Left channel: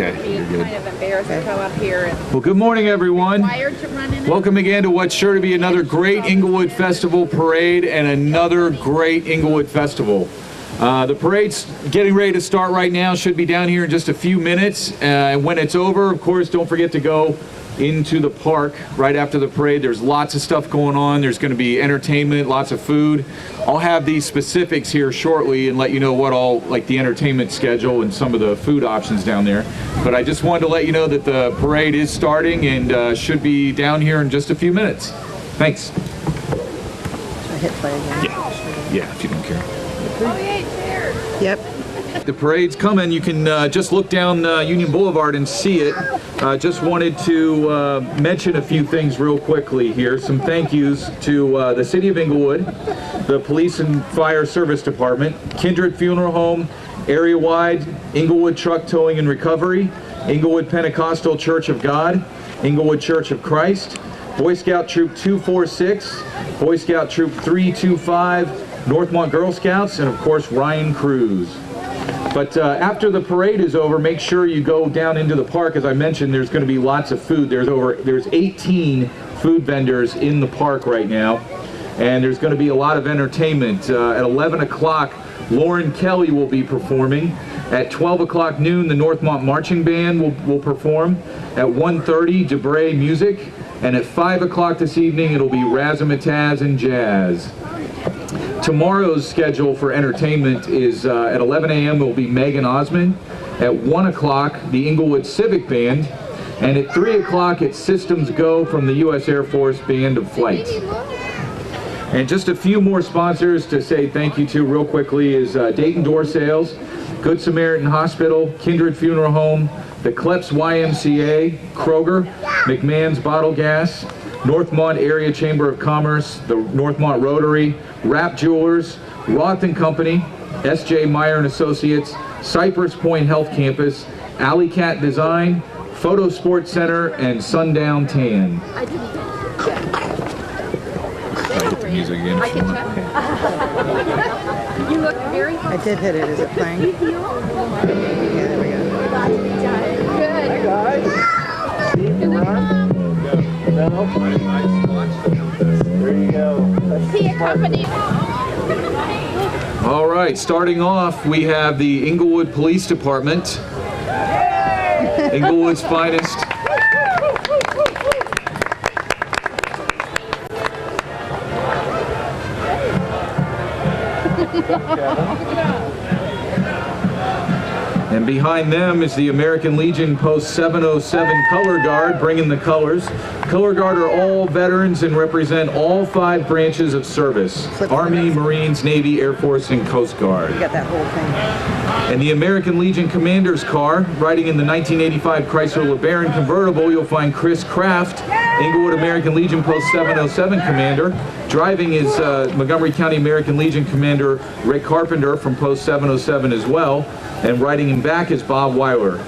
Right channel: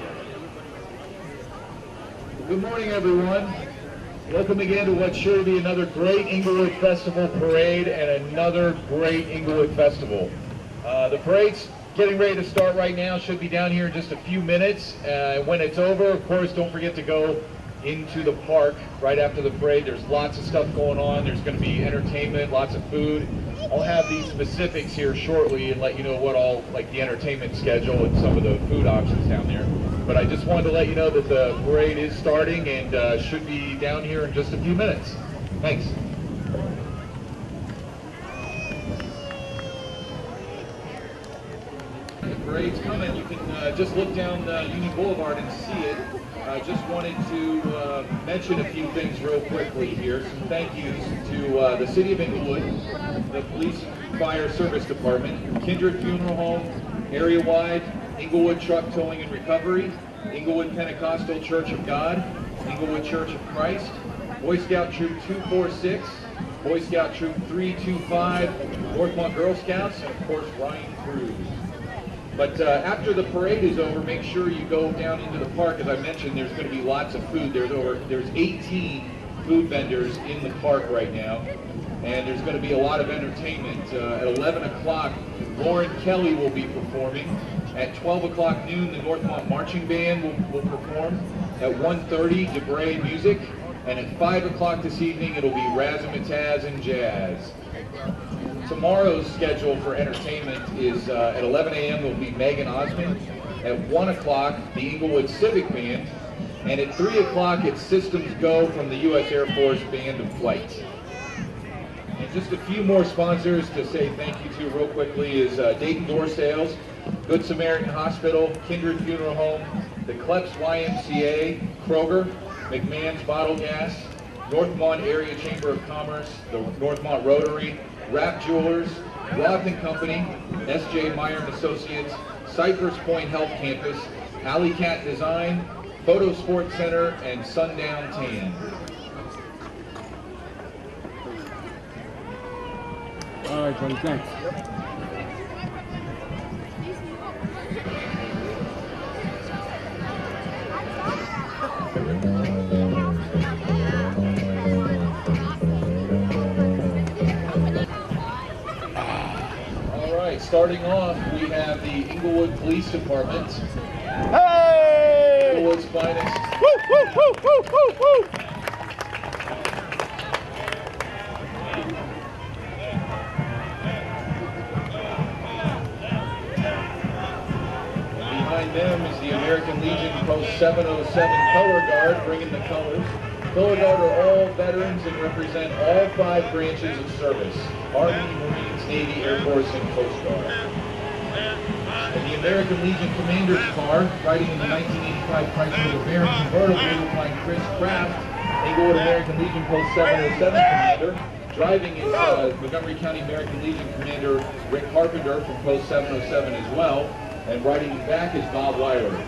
Okay, you're good. Kind of embarrassed to come up here and Well, good morning, everyone. wired to run in it. Welcome again to what's sure to be another great Englewood Festival parade and another great Englewood Festival. The parade's getting ready to start right now. Should be down here in just a few minutes. When it's over, of course, don't forget to go into the park right after the parade. There's lots of stuff going on. There's going to be entertainment, lots of food. I'll have these specifics here shortly and let you know what all, like the entertainment schedule and some of the food options down there. But I just wanted to let you know that the parade is starting and should be down here in just a few minutes. Thanks. I hit play again. Yeah, if you don't care. Oh, yay, chairs. Yep. The parade's coming. You can just look down Union Boulevard and see it. Just wanted to mention a few things real quickly here. Some thank yous to the City of Englewood, the Police and Fire Service Department, Kindred Funeral Home, Area-Wide, Englewood Truck Towing and Recovery, Englewood Pentecostal Church of God, Englewood Church of Christ, Boy Scout Troop 246, Boy Scout Troop 325, Northmont Girl Scouts, and of course Ryan Cruz. But after the parade is over, make sure you go down into the park. As I mentioned, there's going to be lots of food. There's 18 food vendors in the park right now, and there's going to be a lot of entertainment. At 11 o'clock, Lauren Kelly will be performing. At 12 o'clock noon, the Northmont Marching Band will perform. At 1:30, Debray Music, and at 5 o'clock this evening, it'll be Razzmatazz and Jazz. Tomorrow's schedule for entertainment is at 11 a.m. there will be Megan Osmond. At 1 o'clock, the Englewood Civic Band. And at 3 o'clock, it's Systems Go from the U.S. Air Force Band of Flight. And just a few more sponsors to say thank you to real quickly is Dayton Door Sales, Good Samaritan Hospital, Kindred Funeral Home, the Kleps YMCA, Kroger, McMahon's Bottle Gas, Northmont Area Chamber of Commerce, the Northmont Rotary, Rapp Jewelers, Roth & Company, S.J. Meyer and Associates, Cypress Point Health Campus, Alley Cat Design, Photo Sports Center, and Sundown Tan. I'll hit the music again. I can check. You look very I did hit it. Is it playing? Yeah, there we All right, starting off, we have the Englewood Police Department. Englewood's finest. And behind them is the American Legion Post 707 Color Guard, bringing the colors. Color Guard are all veterans and represent all 5 branches of service: Army, Marines, Navy, Air Force, and Coast Guard. You got that whole thing. And the American Legion Commander's car, riding in the 1985 Chrysler LeBaron convertible, you'll find Chris Kraft, Englewood American Legion Post 707 Commander. Driving is Montgomery County American Legion Commander Rick Carpenter from Post 707 as well. And riding him back is Bob Weiler.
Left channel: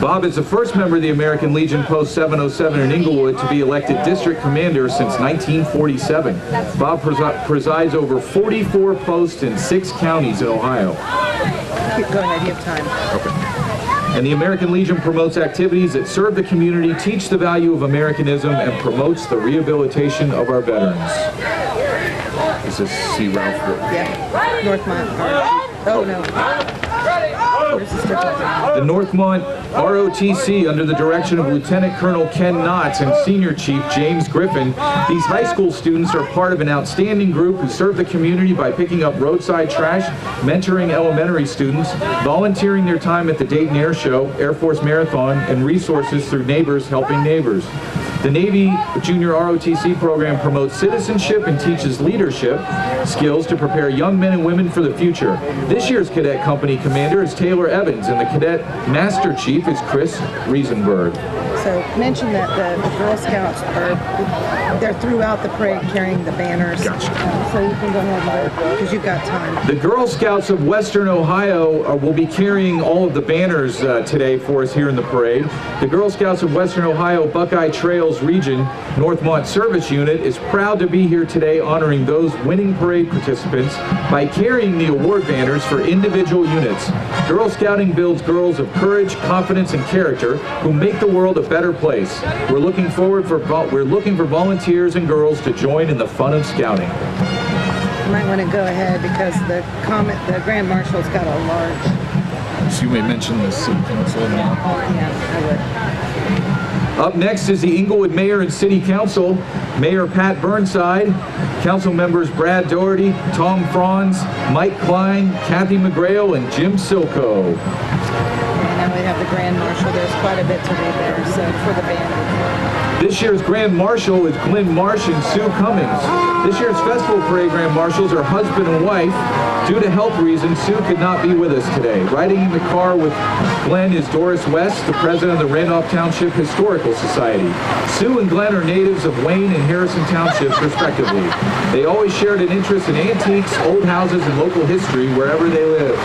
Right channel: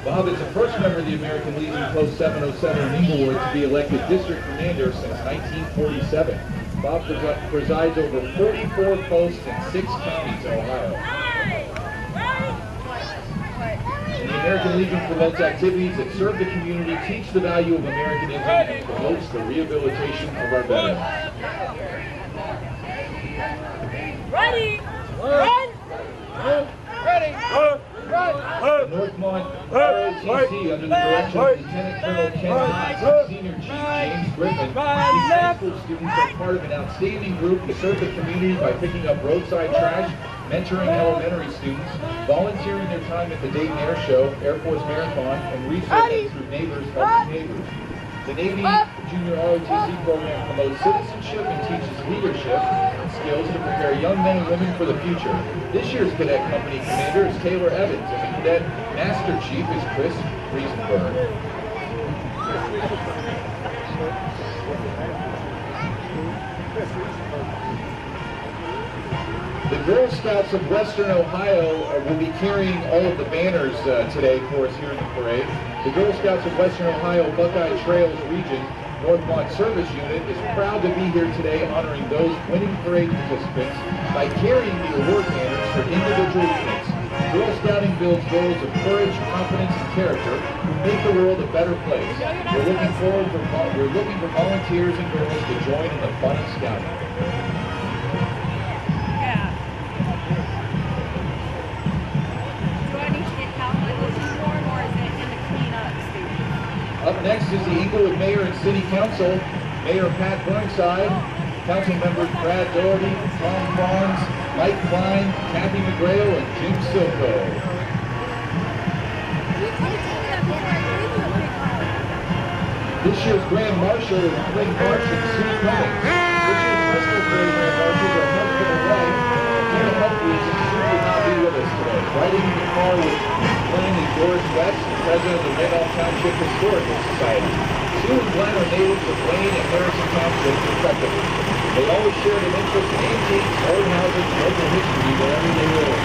Bob is the first member of the American Legion Post 707 in Englewood to be elected district commander since 1947. Bob presides over 44 posts in 6 counties in Ohio. Keep going. I have time. Okay. And the American Legion promotes activities that serve the community, teach the value of Americanism, and promotes the rehabilitation of our veterans. This is C. Ralph Wood. Yeah. Northmont. Oh, no. Where's the strip? The Northmont ROTC, under the direction of Lieutenant Colonel Ken Knotts and Senior Chief James Griffin, these high school students are part of an outstanding group who serve the community by picking up roadside trash, mentoring elementary students, volunteering their time at the Dayton Air Show, Air Force Marathon, and resources through Neighbors Helping Neighbors. The Navy Junior ROTC program promotes citizenship and teaches leadership skills to prepare young men and women for the future. This year's Cadet Company Commander is Taylor Evans, and the Cadet Master Chief is Chris Riesenberg. also mention that the Girl Scouts they're throughout the parade carrying the banners. Gotcha. So you can go over because you've got time. The Girl Scouts of Western Ohio will be carrying all of the banners today for us here in the parade. The Girl Scouts of Western Ohio Buckeye Trails Region Northmont Service Unit is proud to be here today honoring those winning parade participants by carrying the award banners for individual units. Girl Scouting builds girls of courage, confidence, and character who make the world a better place. We're looking for volunteers and girls to join in the fun of scouting. You might want to go ahead because the Grand Marshal's got a large. So you may mention the city council now. Oh, yeah, I would. Up next is the Englewood Mayor and City Council, Mayor Pat Burnside, Council members Brad Doherty, Tom Franz, Mike Klein, Kathy McGrail, and Jim Silko. And now we have the Grand Marshal. There's quite a bit to do there, so for the band. This year's Grand Marshal is Glenn Marsh and Sue Cummings. This year's Festival Parade Grand Marshals are husband and wife. Due to health reasons, Sue could not be with us today. Riding in the car with Glenn is Doris West, the president of the Randolph Township Historical Society. Sue and Glenn are natives of Wayne and Harrison Townships, respectively. They always shared an interest in antiques, old houses, and local history wherever they live.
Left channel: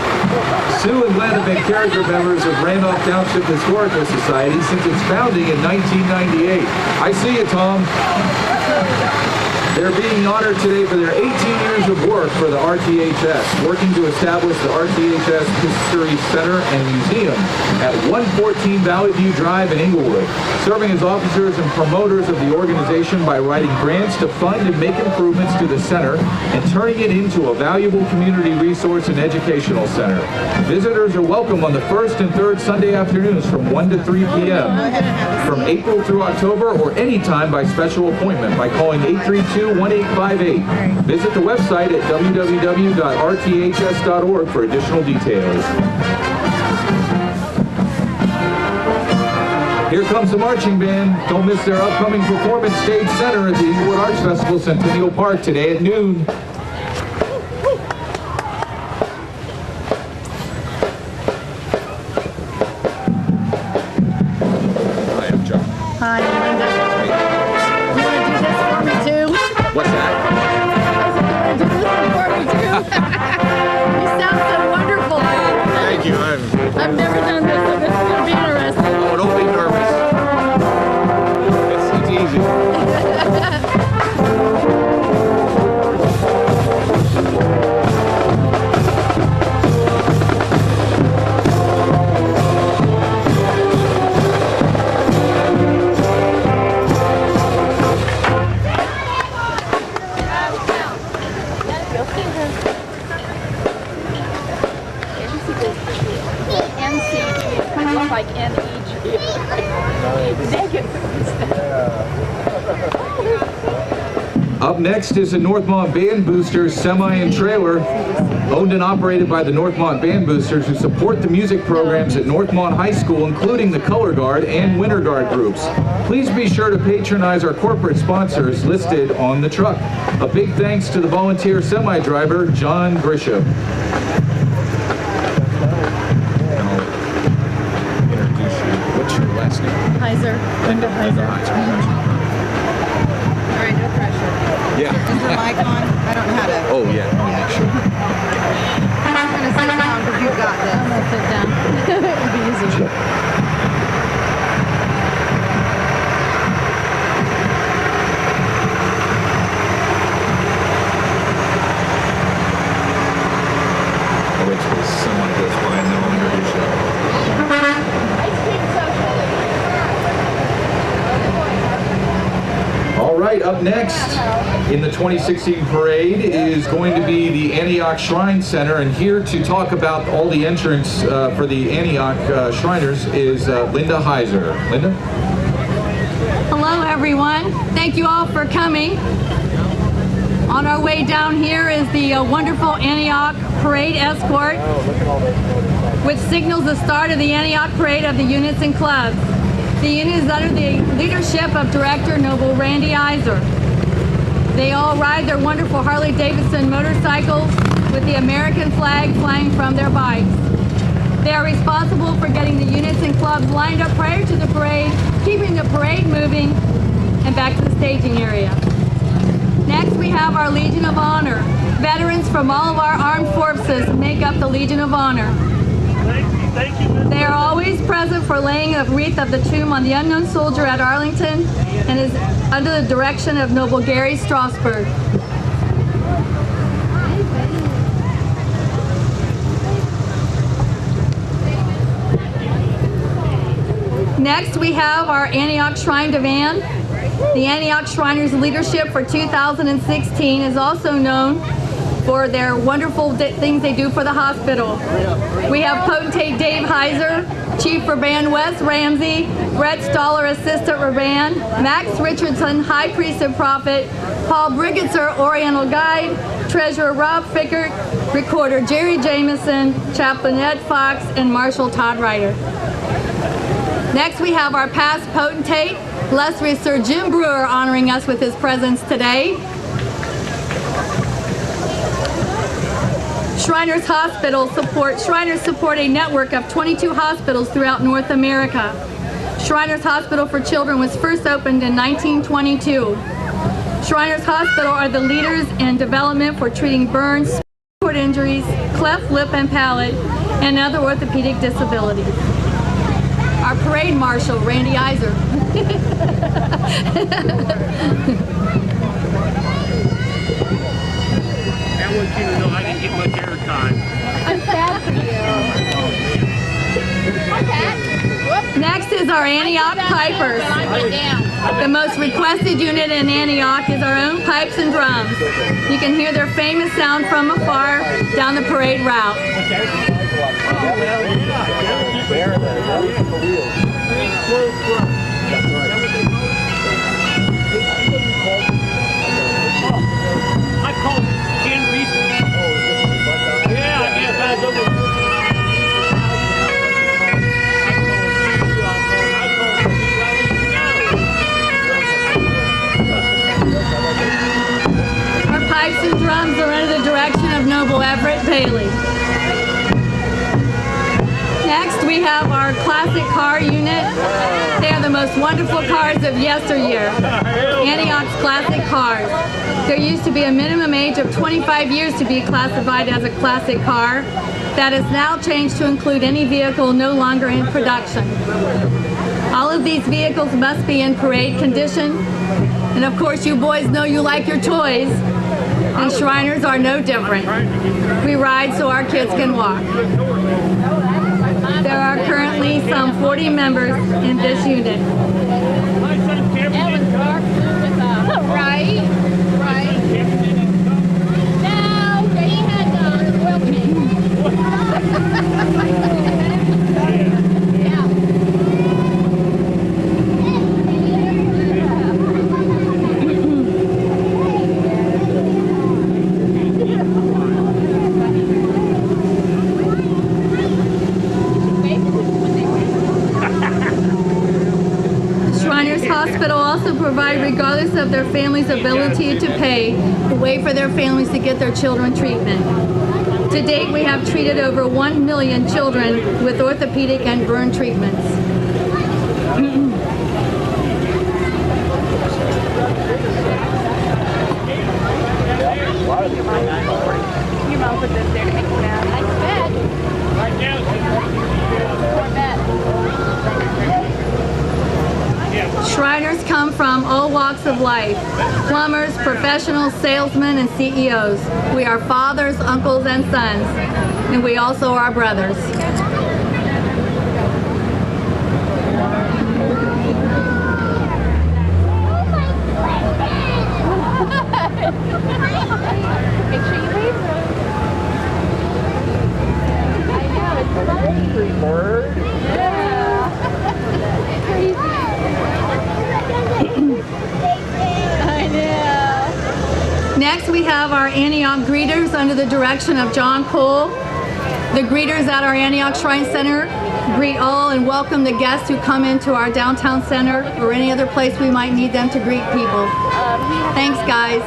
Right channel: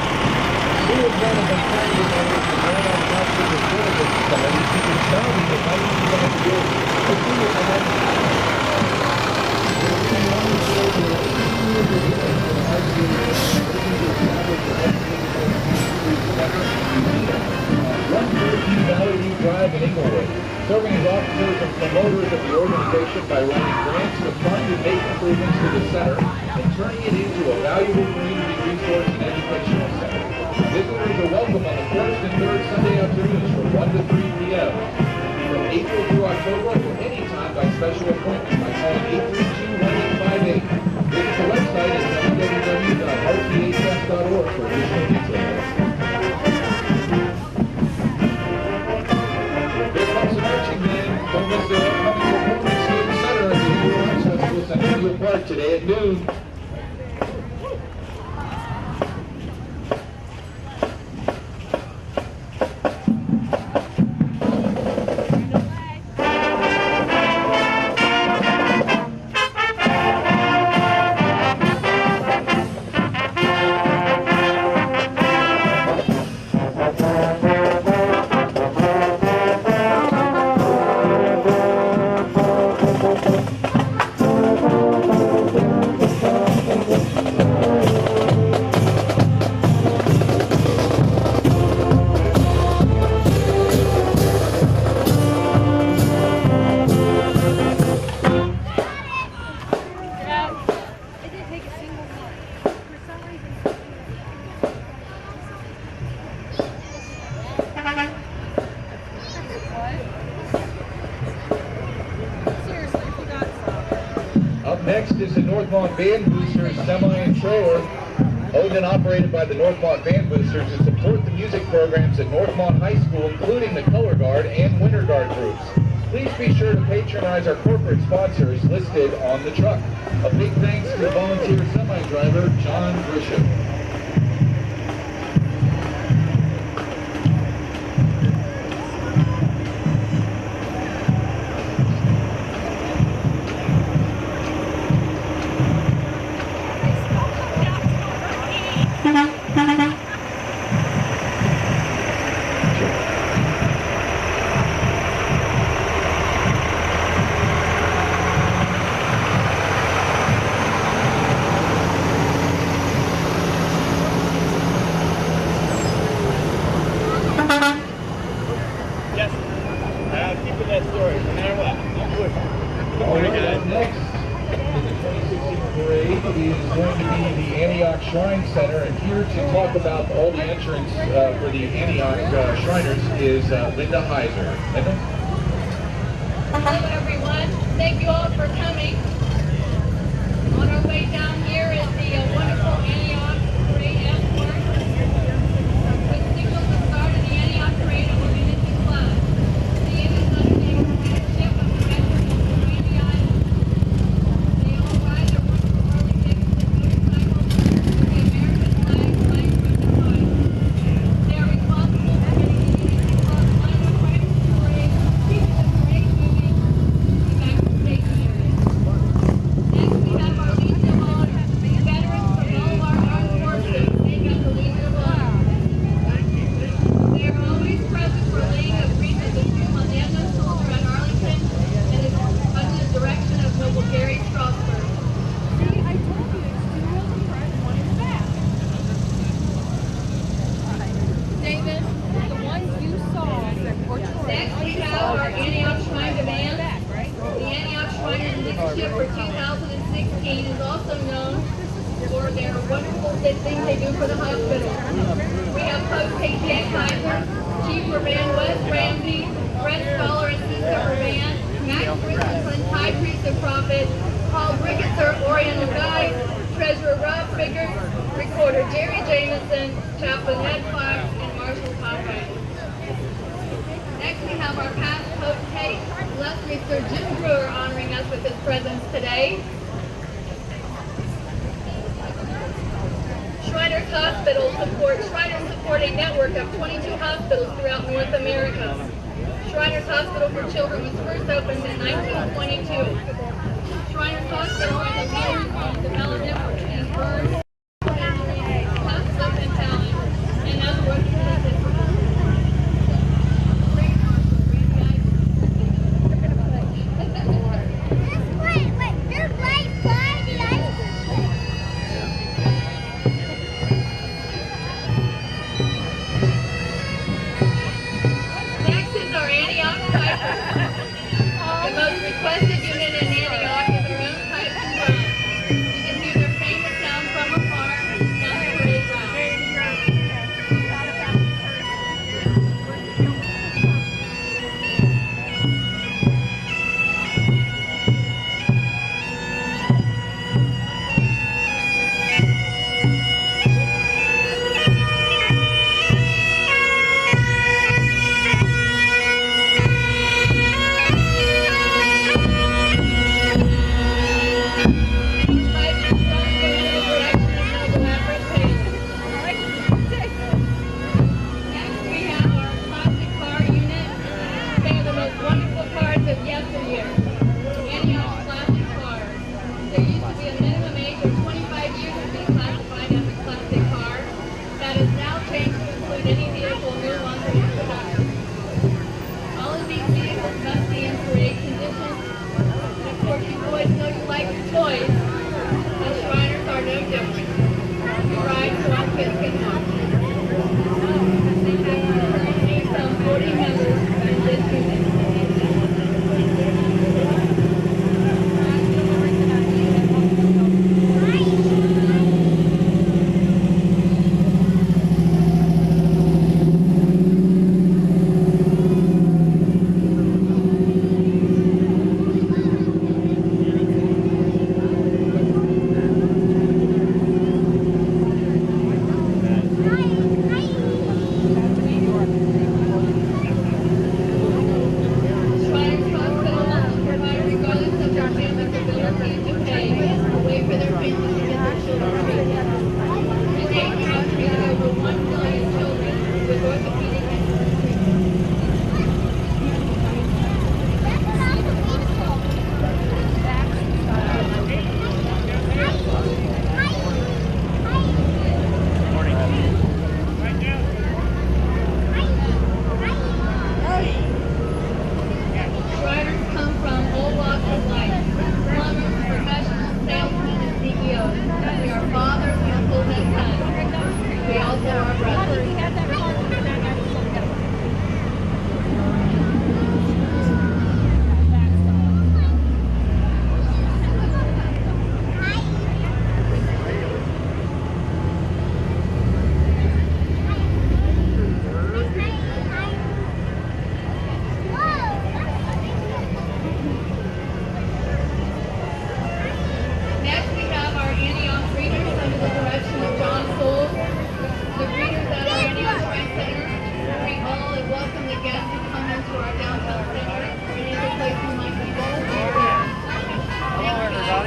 Sue and Glenn have been character members of Randolph Township Historical Society since its founding in 1998. I see you, Tom. They're being honored today for their 18 years of work for the RTHS, working to establish the RTHS History Center and Museum at 114 Valley View Drive in Englewood, serving as officers and promoters of the organization by writing grants to fund and make improvements to the center and turning it into a valuable community resource and educational center. Visitors are welcome on the first and third Sunday afternoons from 1 to 3 p.m. from April through October or anytime by special appointment by calling 832-1858. Visit the website at www.rths.org for additional details. Here comes the marching band. Don't miss their upcoming performance stage center at the Englewood Arts Festival Centennial Park today at noon. Up next is the Northmont Band Boosters semi and trailer, owned and operated by the Northmont Band Boosters, who support the music programs at Northmont High School, including the Color Guard and Winter Guard groups. Please be sure to patronize our corporate sponsors listed on the truck. A big thanks to the volunteer semi-driver, John Grisham. What's your last name? Heiser. Linda Heiser. All right, no pressure. Yeah. Is your mic on? I don't know how to. Oh, yeah. I'll make sure. I'm going to sit down because you've got this. I'm going to sit down. It'll be easy. All right, up next in the 2016 parade is going to be the Antioch Shrine Center, and here to talk about all the entrants for the Antioch Shriners is Linda Heiser. Linda? Hello, everyone. Thank you all for coming. On our way down here is the wonderful Antioch Parade Escort, which signals the start of the Antioch Parade of the units and clubs. The unit is under the leadership of Director Noble Randy Iser. They all ride their wonderful Harley-Davidson motorcycles with the American flag flying from their bikes. They are responsible for getting the units and clubs lined up prior to the parade, keeping the parade moving, and back to the staging area. Next, we have our Legion of Honor. Veterans from all of our armed forces make up the Legion of Honor. They are always present for laying a wreath of the tomb on the unknown soldier at Arlington and is under the direction of Noble Gary Strasberg. Next, we have our Antioch Shrine Divan. The Antioch Shriners leadership for 2016 is also known for their wonderful things they do for the hospital. We have Potentate Dave Heiser, Chief Urban Wes Ramsey, Brett Stoller, Assistant Urban, Max Richardson, High Priest and Prophet, Paul Brigitzer, Oriental Guide, Treasurer Rob Fickert, Recorder Jerry Jameson, Chaplain Ed Fox, and Marshal Todd Ryder. Next, we have our past potentate, illustrious Sir Jim Brewer, honoring us with his presence today. Shriners support a network of 22 hospitals throughout North America. Shriners Hospital for Children was first opened in 1922. Shriners Hospital are the leaders in development for treating burns, spinal injuries, cleft lip and palate, and other orthopedic disabilities. Our parade marshal, Randy Iser. Next is our Antioch Pipers. The most requested unit in Antioch is our own pipes and drums. You can hear their famous sound from afar down the parade route. Next, we have our classic car unit. They are the most wonderful cars of yesteryear. Antioch's classic cars. There used to be a minimum age of 25 years to be classified as a classic car. That has now changed to include any vehicle no longer in production. All of these vehicles must be in parade condition. And of course, you boys know you like your toys. And Shriners are no different. We ride so our kids can walk. There are currently some 40 members in this unit. Regardless of their family's ability to pay, wait for their families to get their children treatment. To date, we have treated over 1 million children with orthopedic and burn treatments. Your mom put this there to make you mad. Shriners come from all walks of life. Plumbers, professionals, salesmen, and CEOs. We are fathers, uncles, and sons. And we also are brothers. Next, we have our Antioch greeters under the direction of John Cole. The greeters at our Antioch Shrine Center greet all and welcome the guests who come into our downtown center or any other place we might need them to greet people. Thanks, guys.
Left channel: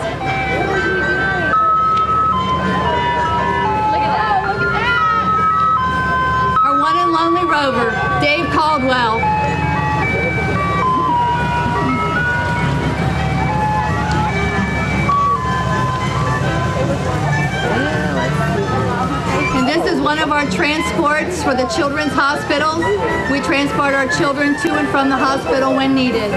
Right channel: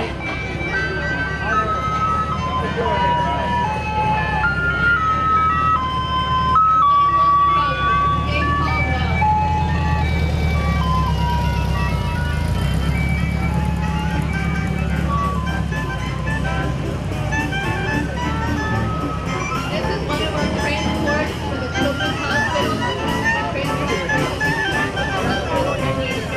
Our for the Children's Hospital. We transport our children to and from the hospital when needed.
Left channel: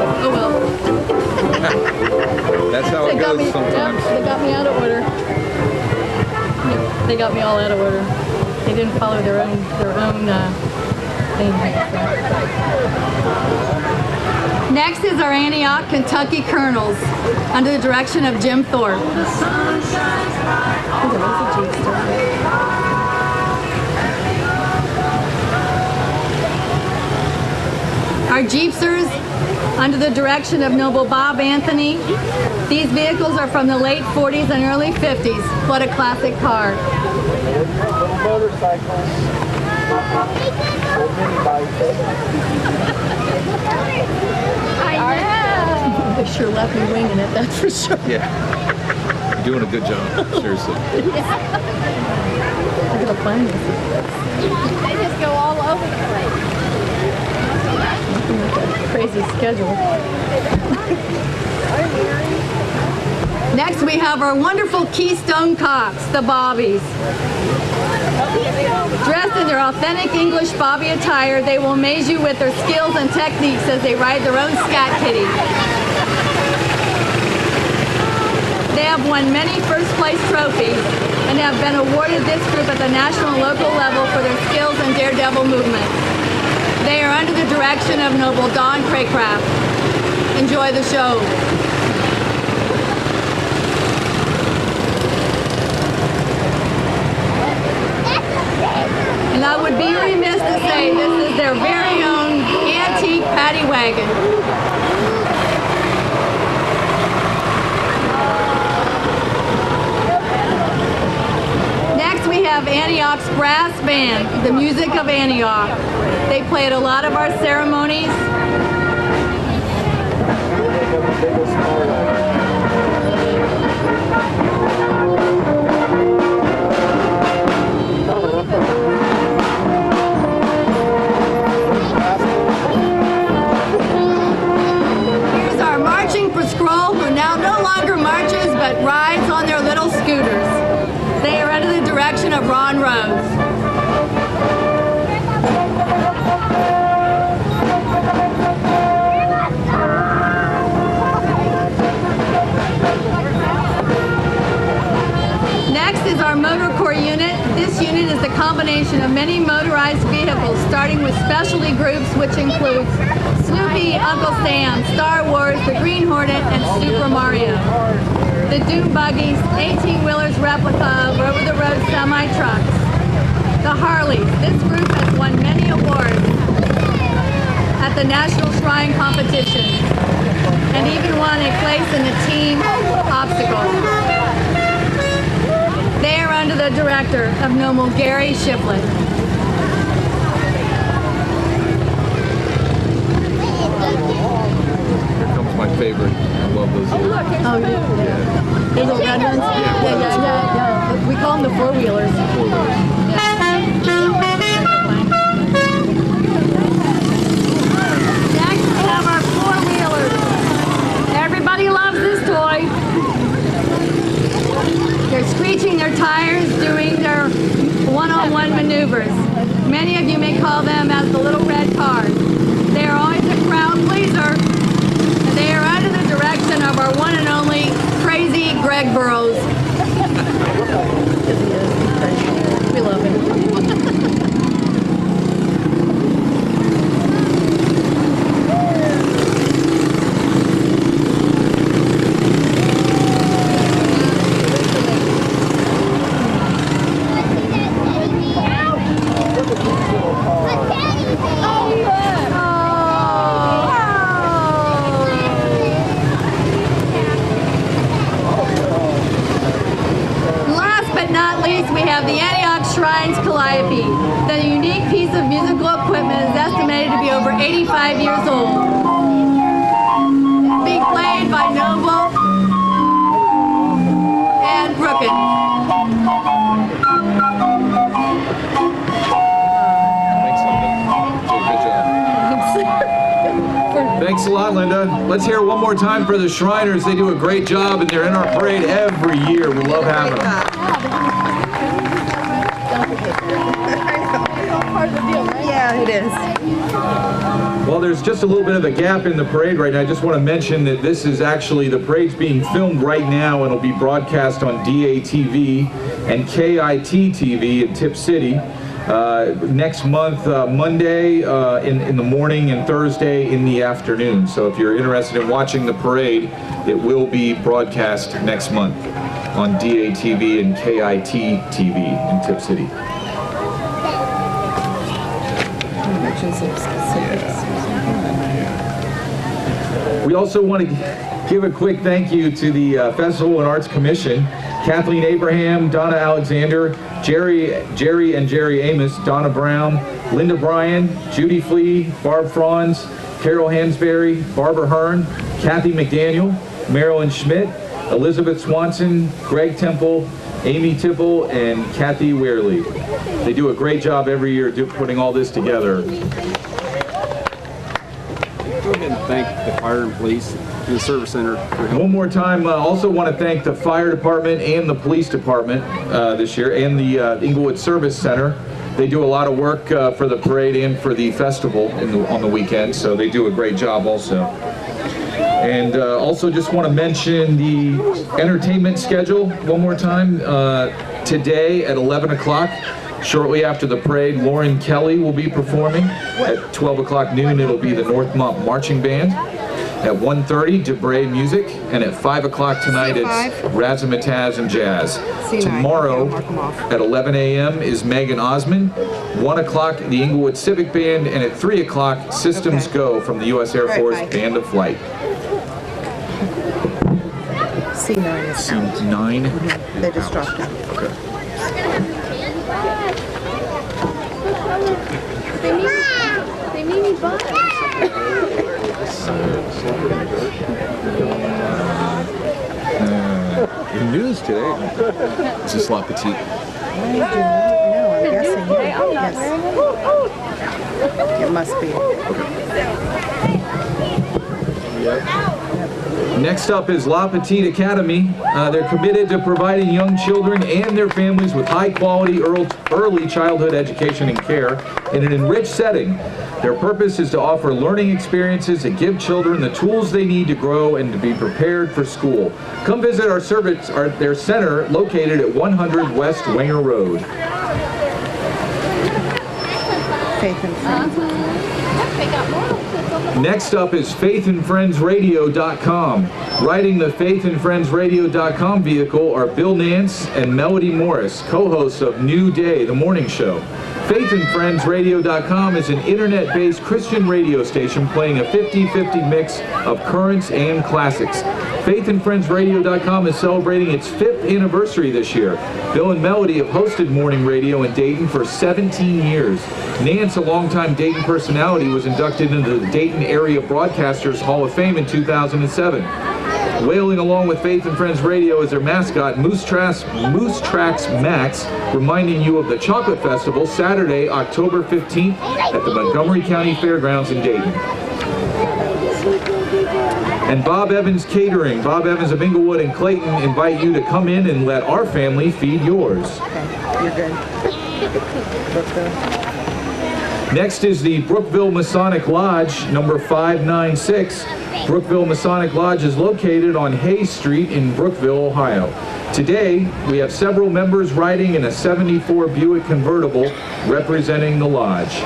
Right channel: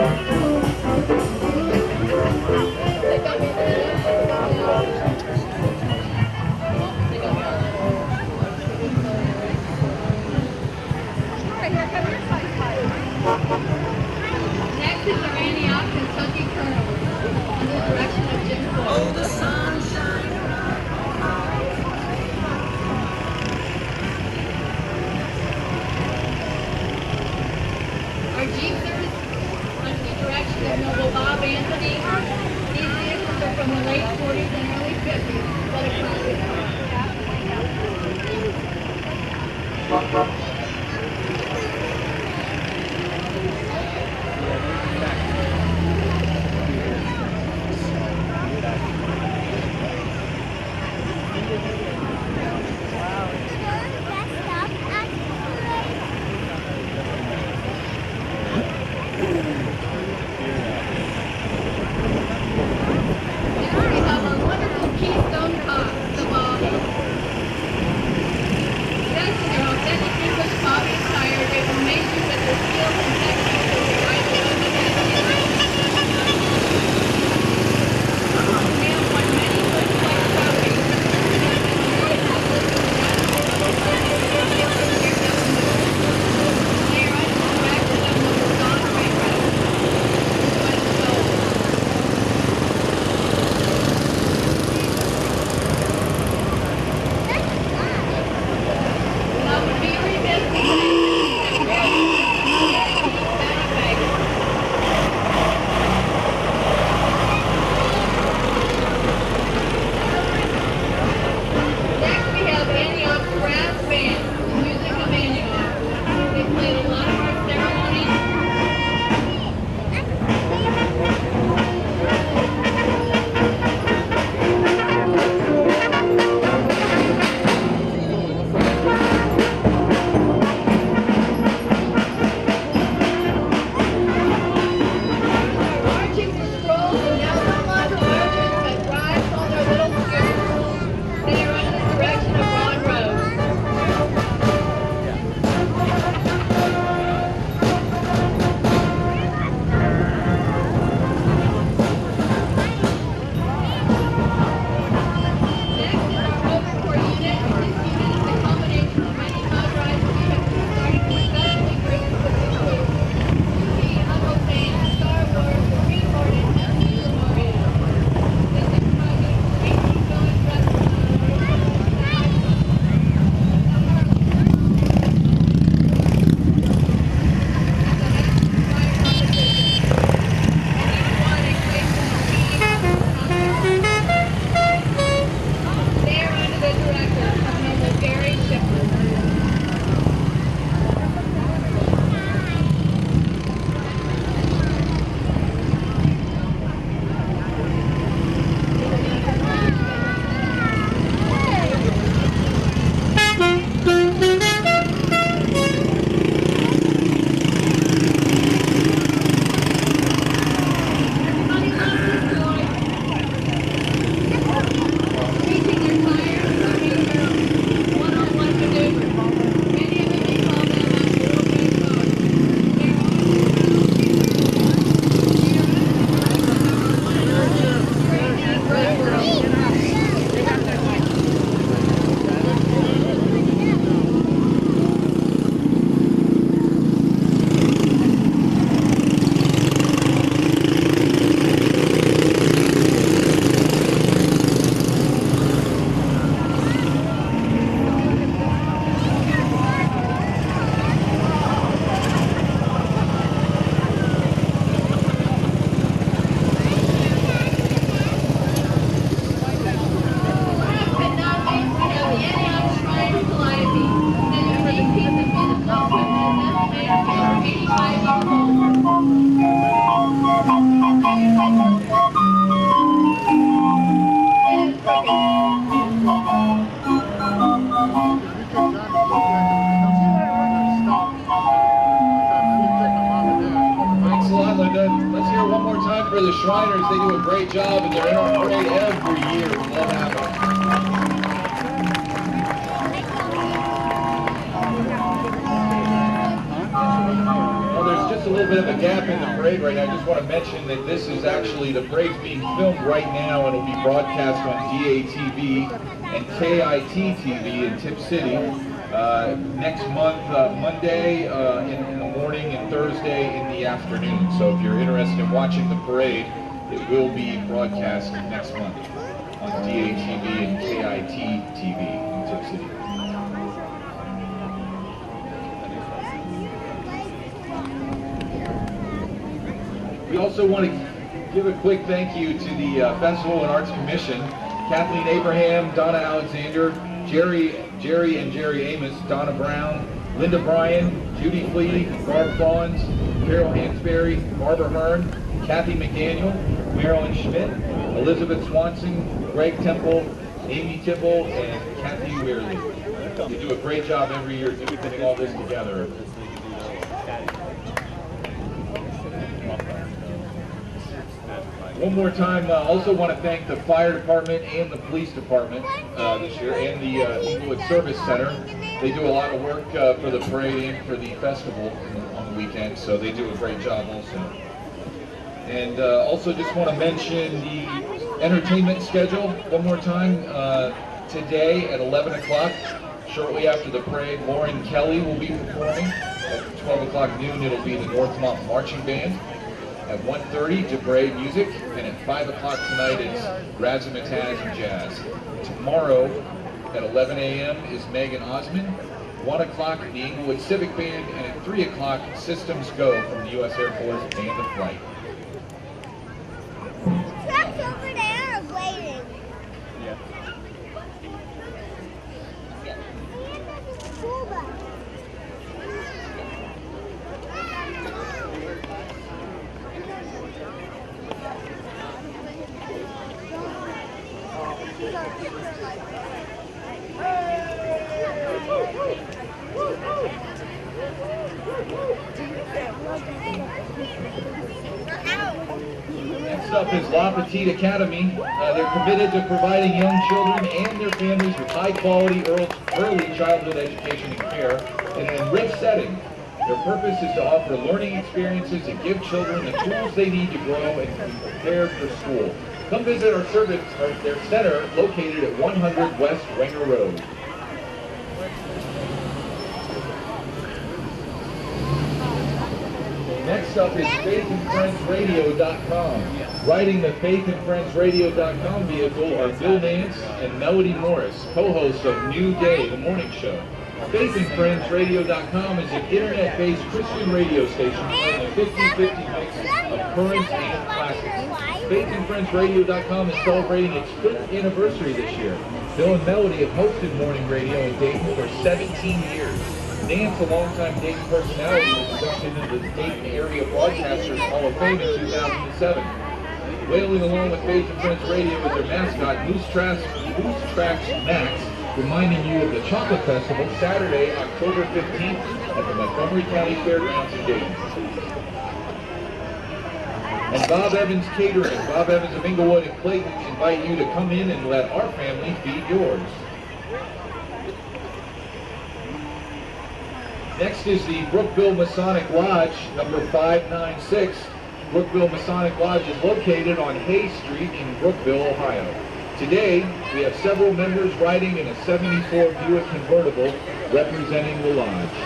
Oh well. That's how it goes sometimes. They got me out of order. They got me all out of order. They didn't follow their own thing. Next is our Antioch, Kentucky Colonels, under the direction of Jim Thorpe. Our Jeepsters, under the direction of Noble Bob Anthony. These vehicles are from the late 40s and early 50s. What a classic car. They sure left me winging it, that's for sure. Yeah. You're doing a good job, seriously. They just go all over the place. Crazy schedule. Next we have our wonderful Keystone Cops, the Bobbies. Dressed in their authentic English Bobby attire, they will amaze you with their skills and techniques as they ride their own scat kitty. They have won many first place trophies and have been awarded this group at the national and local level for their skills and daredevil movement. They are under the direction of Noble Don Craycraft. Enjoy the show. And I would be remiss to say this is their very own antique paddy wagon. Next we have Antioch's Brass Band, the music of Antioch. They play at a lot of our ceremonies. Here's our marching patrol, who now no longer marches but rides on their little scooters. They are under the direction of Ron Rose. Next is our Motor Corps unit. This unit is a combination of many motorized vehicles, starting with specialty groups, which include Snoopy, Uncle Sam, Star Wars, the Green Hornet, and Super Mario. The Doom Buggies, 18-wheelers replica of over-the-road semi-trucks. The Harleys. This group has won many awards at the National Shrine Competition and even won a place in the team obstacle. They are under the director of Noble Gary Shipley. Here comes my favorite. I love those little. Oh, yeah. Little red ones? Yeah. We call them the four-wheelers. Next, we have our four-wheelers. Everybody loves this toy. They're screeching their tires, doing their one-on-one maneuvers. Many of you may call them as the little red cars. They are always a crowd pleaser. They are under the direction of our one and only crazy Greg Burrows. We love him. Last but not least, we have the Antioch Shrines Calliope. The unique piece of musical equipment is estimated to be over 85 years old. Being played by Noble and Brookett. Thanks, Tony. Good job. Let's hear it one more time for the Shriners. They do a great job, and they're in our parade every year. We love having them. Yeah, it is. Well, there's just a little bit of a gap in the parade right now. I just want to mention that this is actually, the parade's being filmed right now, and it'll be broadcast on DATV and KIT-TV in Tip City next month, Monday in the morning and Thursday in the afternoon. So if you're interested in watching the parade, it will be broadcast next month on DATV and KIT-TV in Tip City. Mention some specifics. We also want to give a quick thank you to the Festival and Arts Commission, Kathleen Abraham, Donna Alexander, Jerry Amos, Donna Brown, Linda Bryan, Judy Flea, Barb Franz, Carol Hansberry, Barbara Hearn, Kathy McDaniel, Marilyn Schmidt, Elizabeth Swanson, Greg Temple, Amy Tipple, and Kathy Weirley. They do a great job every year putting all this together. Go ahead and thank the fire and police and the service center for helping. One more time, I also want to thank the fire department and the police department this year, and the Englewood Service Center. They do a lot of work for the parade and for the festival on the weekend, so they do a great job also. And also just want to mention the entertainment schedule one more time. Today at 11 o'clock, shortly after the parade, Lauren Kelly will be performing. At 12 o'clock noon, it'll be the Northmont Marching Band. At 1:30, DeBray Music. And at 5 o'clock tonight, it's Razzmatazz and Jazz. Tomorrow at 11 a.m. is Megan Osmond. 1 o'clock, the Englewood Civic Band. And at 3 o'clock, Systems Go from the U.S. Air Force Band of Flight. C9 is out. C9? They just dropped it. Okay. They made me buy The news today. It's just La Petite. No, I'm guessing. Yes. It must be. Next up is La Petite Academy. They're committed to providing young children and their families with high-quality early childhood education and care in an enriched setting. Their purpose is to offer learning experiences that give children the tools they need to grow and to be prepared for school. Come visit their center located at 100 West Wenger Road. Faith and Friends. Next up is faithandfriendsradio.com. Riding the faithandfriendsradio.com vehicle are Bill Nance and Melody Morris, co-hosts of New Day, the morning show. Faithandfriendsradio.com is an internet-based Christian radio station playing a 50-50 mix of currents and classics. Faithandfriendsradio.com is celebrating its 5th anniversary this year. Bill and Melody have hosted morning radio in Dayton for 17 years. Nance, a longtime Dayton personality, was inducted into the Dayton Area Broadcasters Hall of Fame in 2007. Wailing along with Faith and Friends Radio as their mascot, Moose Tracks Max, reminding you of the Chocolate Festival Saturday, October 15th at the Montgomery County Fairgrounds in Dayton. And Bob Evans Catering. Bob Evans of Englewood and Clayton invite you to come in and let our family feed yours. Okay, you're good. Let's go. Next is the Brookville Masonic Lodge, number 596. Brookville Masonic Lodge is located on Hayes Street in Brookville, Ohio. Today, we have several members riding in a 74 Buick convertible representing the lodge.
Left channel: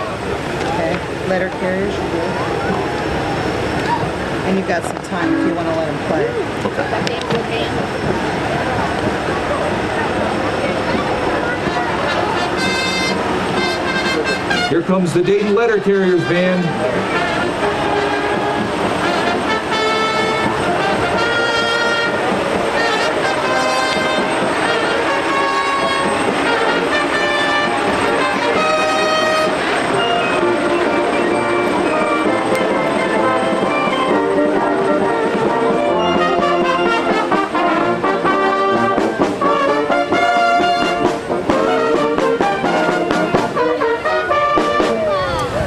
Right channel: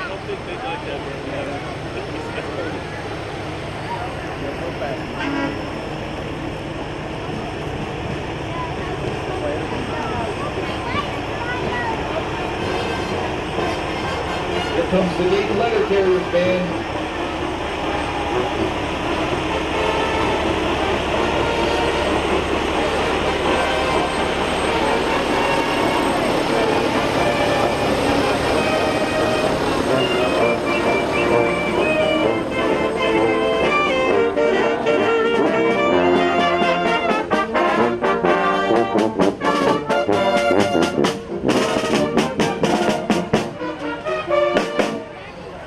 Okay, letter carriers, you're good. And you've got some time if you want to let them play. Here comes the Dayton Letter Carriers Band.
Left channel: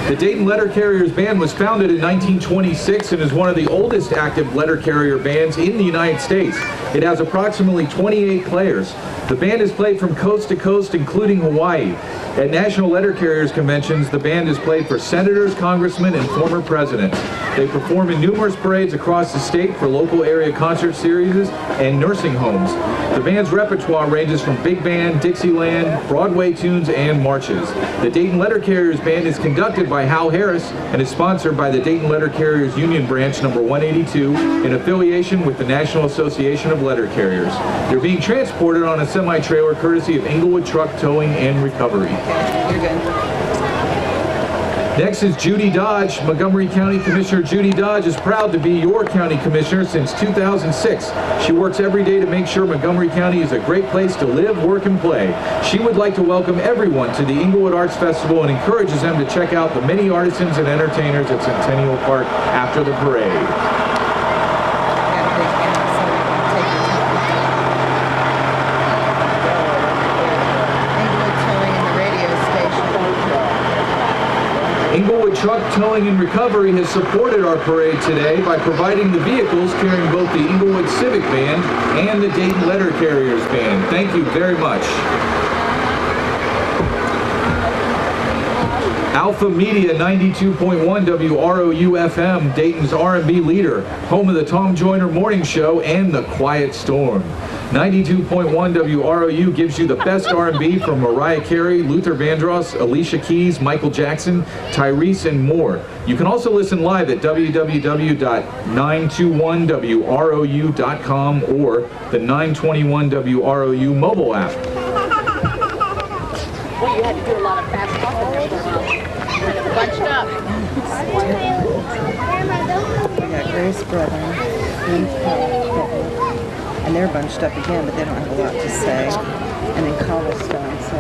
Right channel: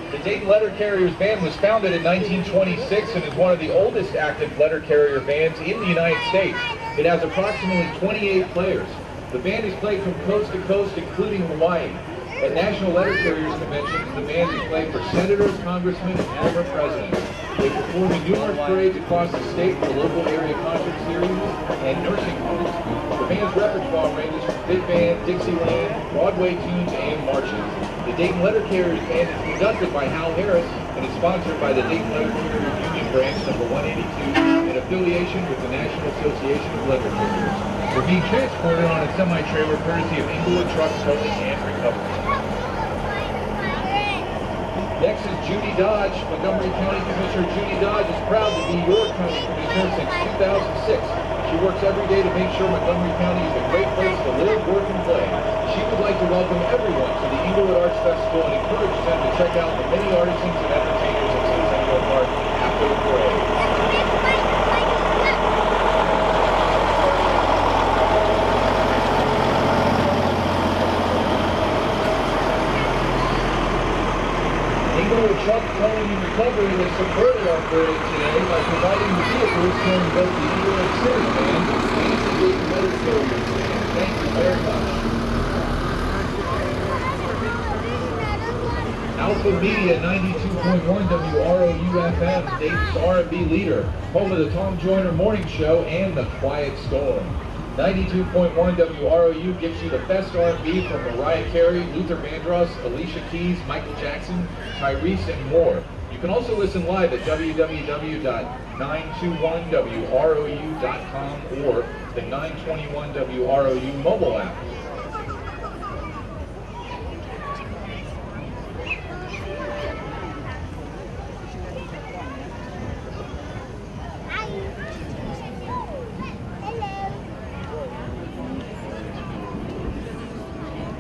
The The Dayton Letter Carriers Band was founded in 1926 and is one of the oldest active letter carrier bands in the United States. It has approximately 28 players. The band is played from coast to coast, including Hawaii. At national letter carriers conventions, the band is played for senators, congressmen, and former presidents. They perform in numerous parades across the state for local area concert series and nursing homes. The band's repertoire ranges from big band, Dixieland, Broadway tunes, and marches. The Dayton Letter Carriers Band is conducted by Hal Harris and is sponsored by the Dayton Letter Carriers Union Branch number 182 in affiliation with the National Association of Letter Carriers. They're being transported on a semi-trailer courtesy of Englewood Truck Towing and Recovery. You're good. Next is Judy Dodge. Montgomery County Commissioner Judy Dodge is proud to be your county commissioner since 2006. She works every day to make sure Montgomery County is a great place to live, work, and play. She would like to welcome everyone to the Englewood Arts Festival and encourages them to check out the many artisans and entertainers at Centennial Park after the parade. Englewood Truck Towing and Recovery has supported our parade today by providing the vehicles carrying both the Englewood Civic Band and the Dayton Letter Carriers Band. Thank you very much. Alpha Media 92.1 WROU FM, Dayton's R&B leader, home of the Tom Joyner Morning Show and The Quiet Storm. 92.1 WROU gives you the best R&B from Mariah Carey, Luther Vandross, Alicia Keys, Michael Jackson, Tyrese, and more. You can also listen live at www.921wrou.com or the 921 WROU mobile app. Well, you had to do a lot of fast talking there for a while. Bunched up. We got Grace Brother, and they're bunched up again, but they don't have a lot to say. And then Cobblestone, so.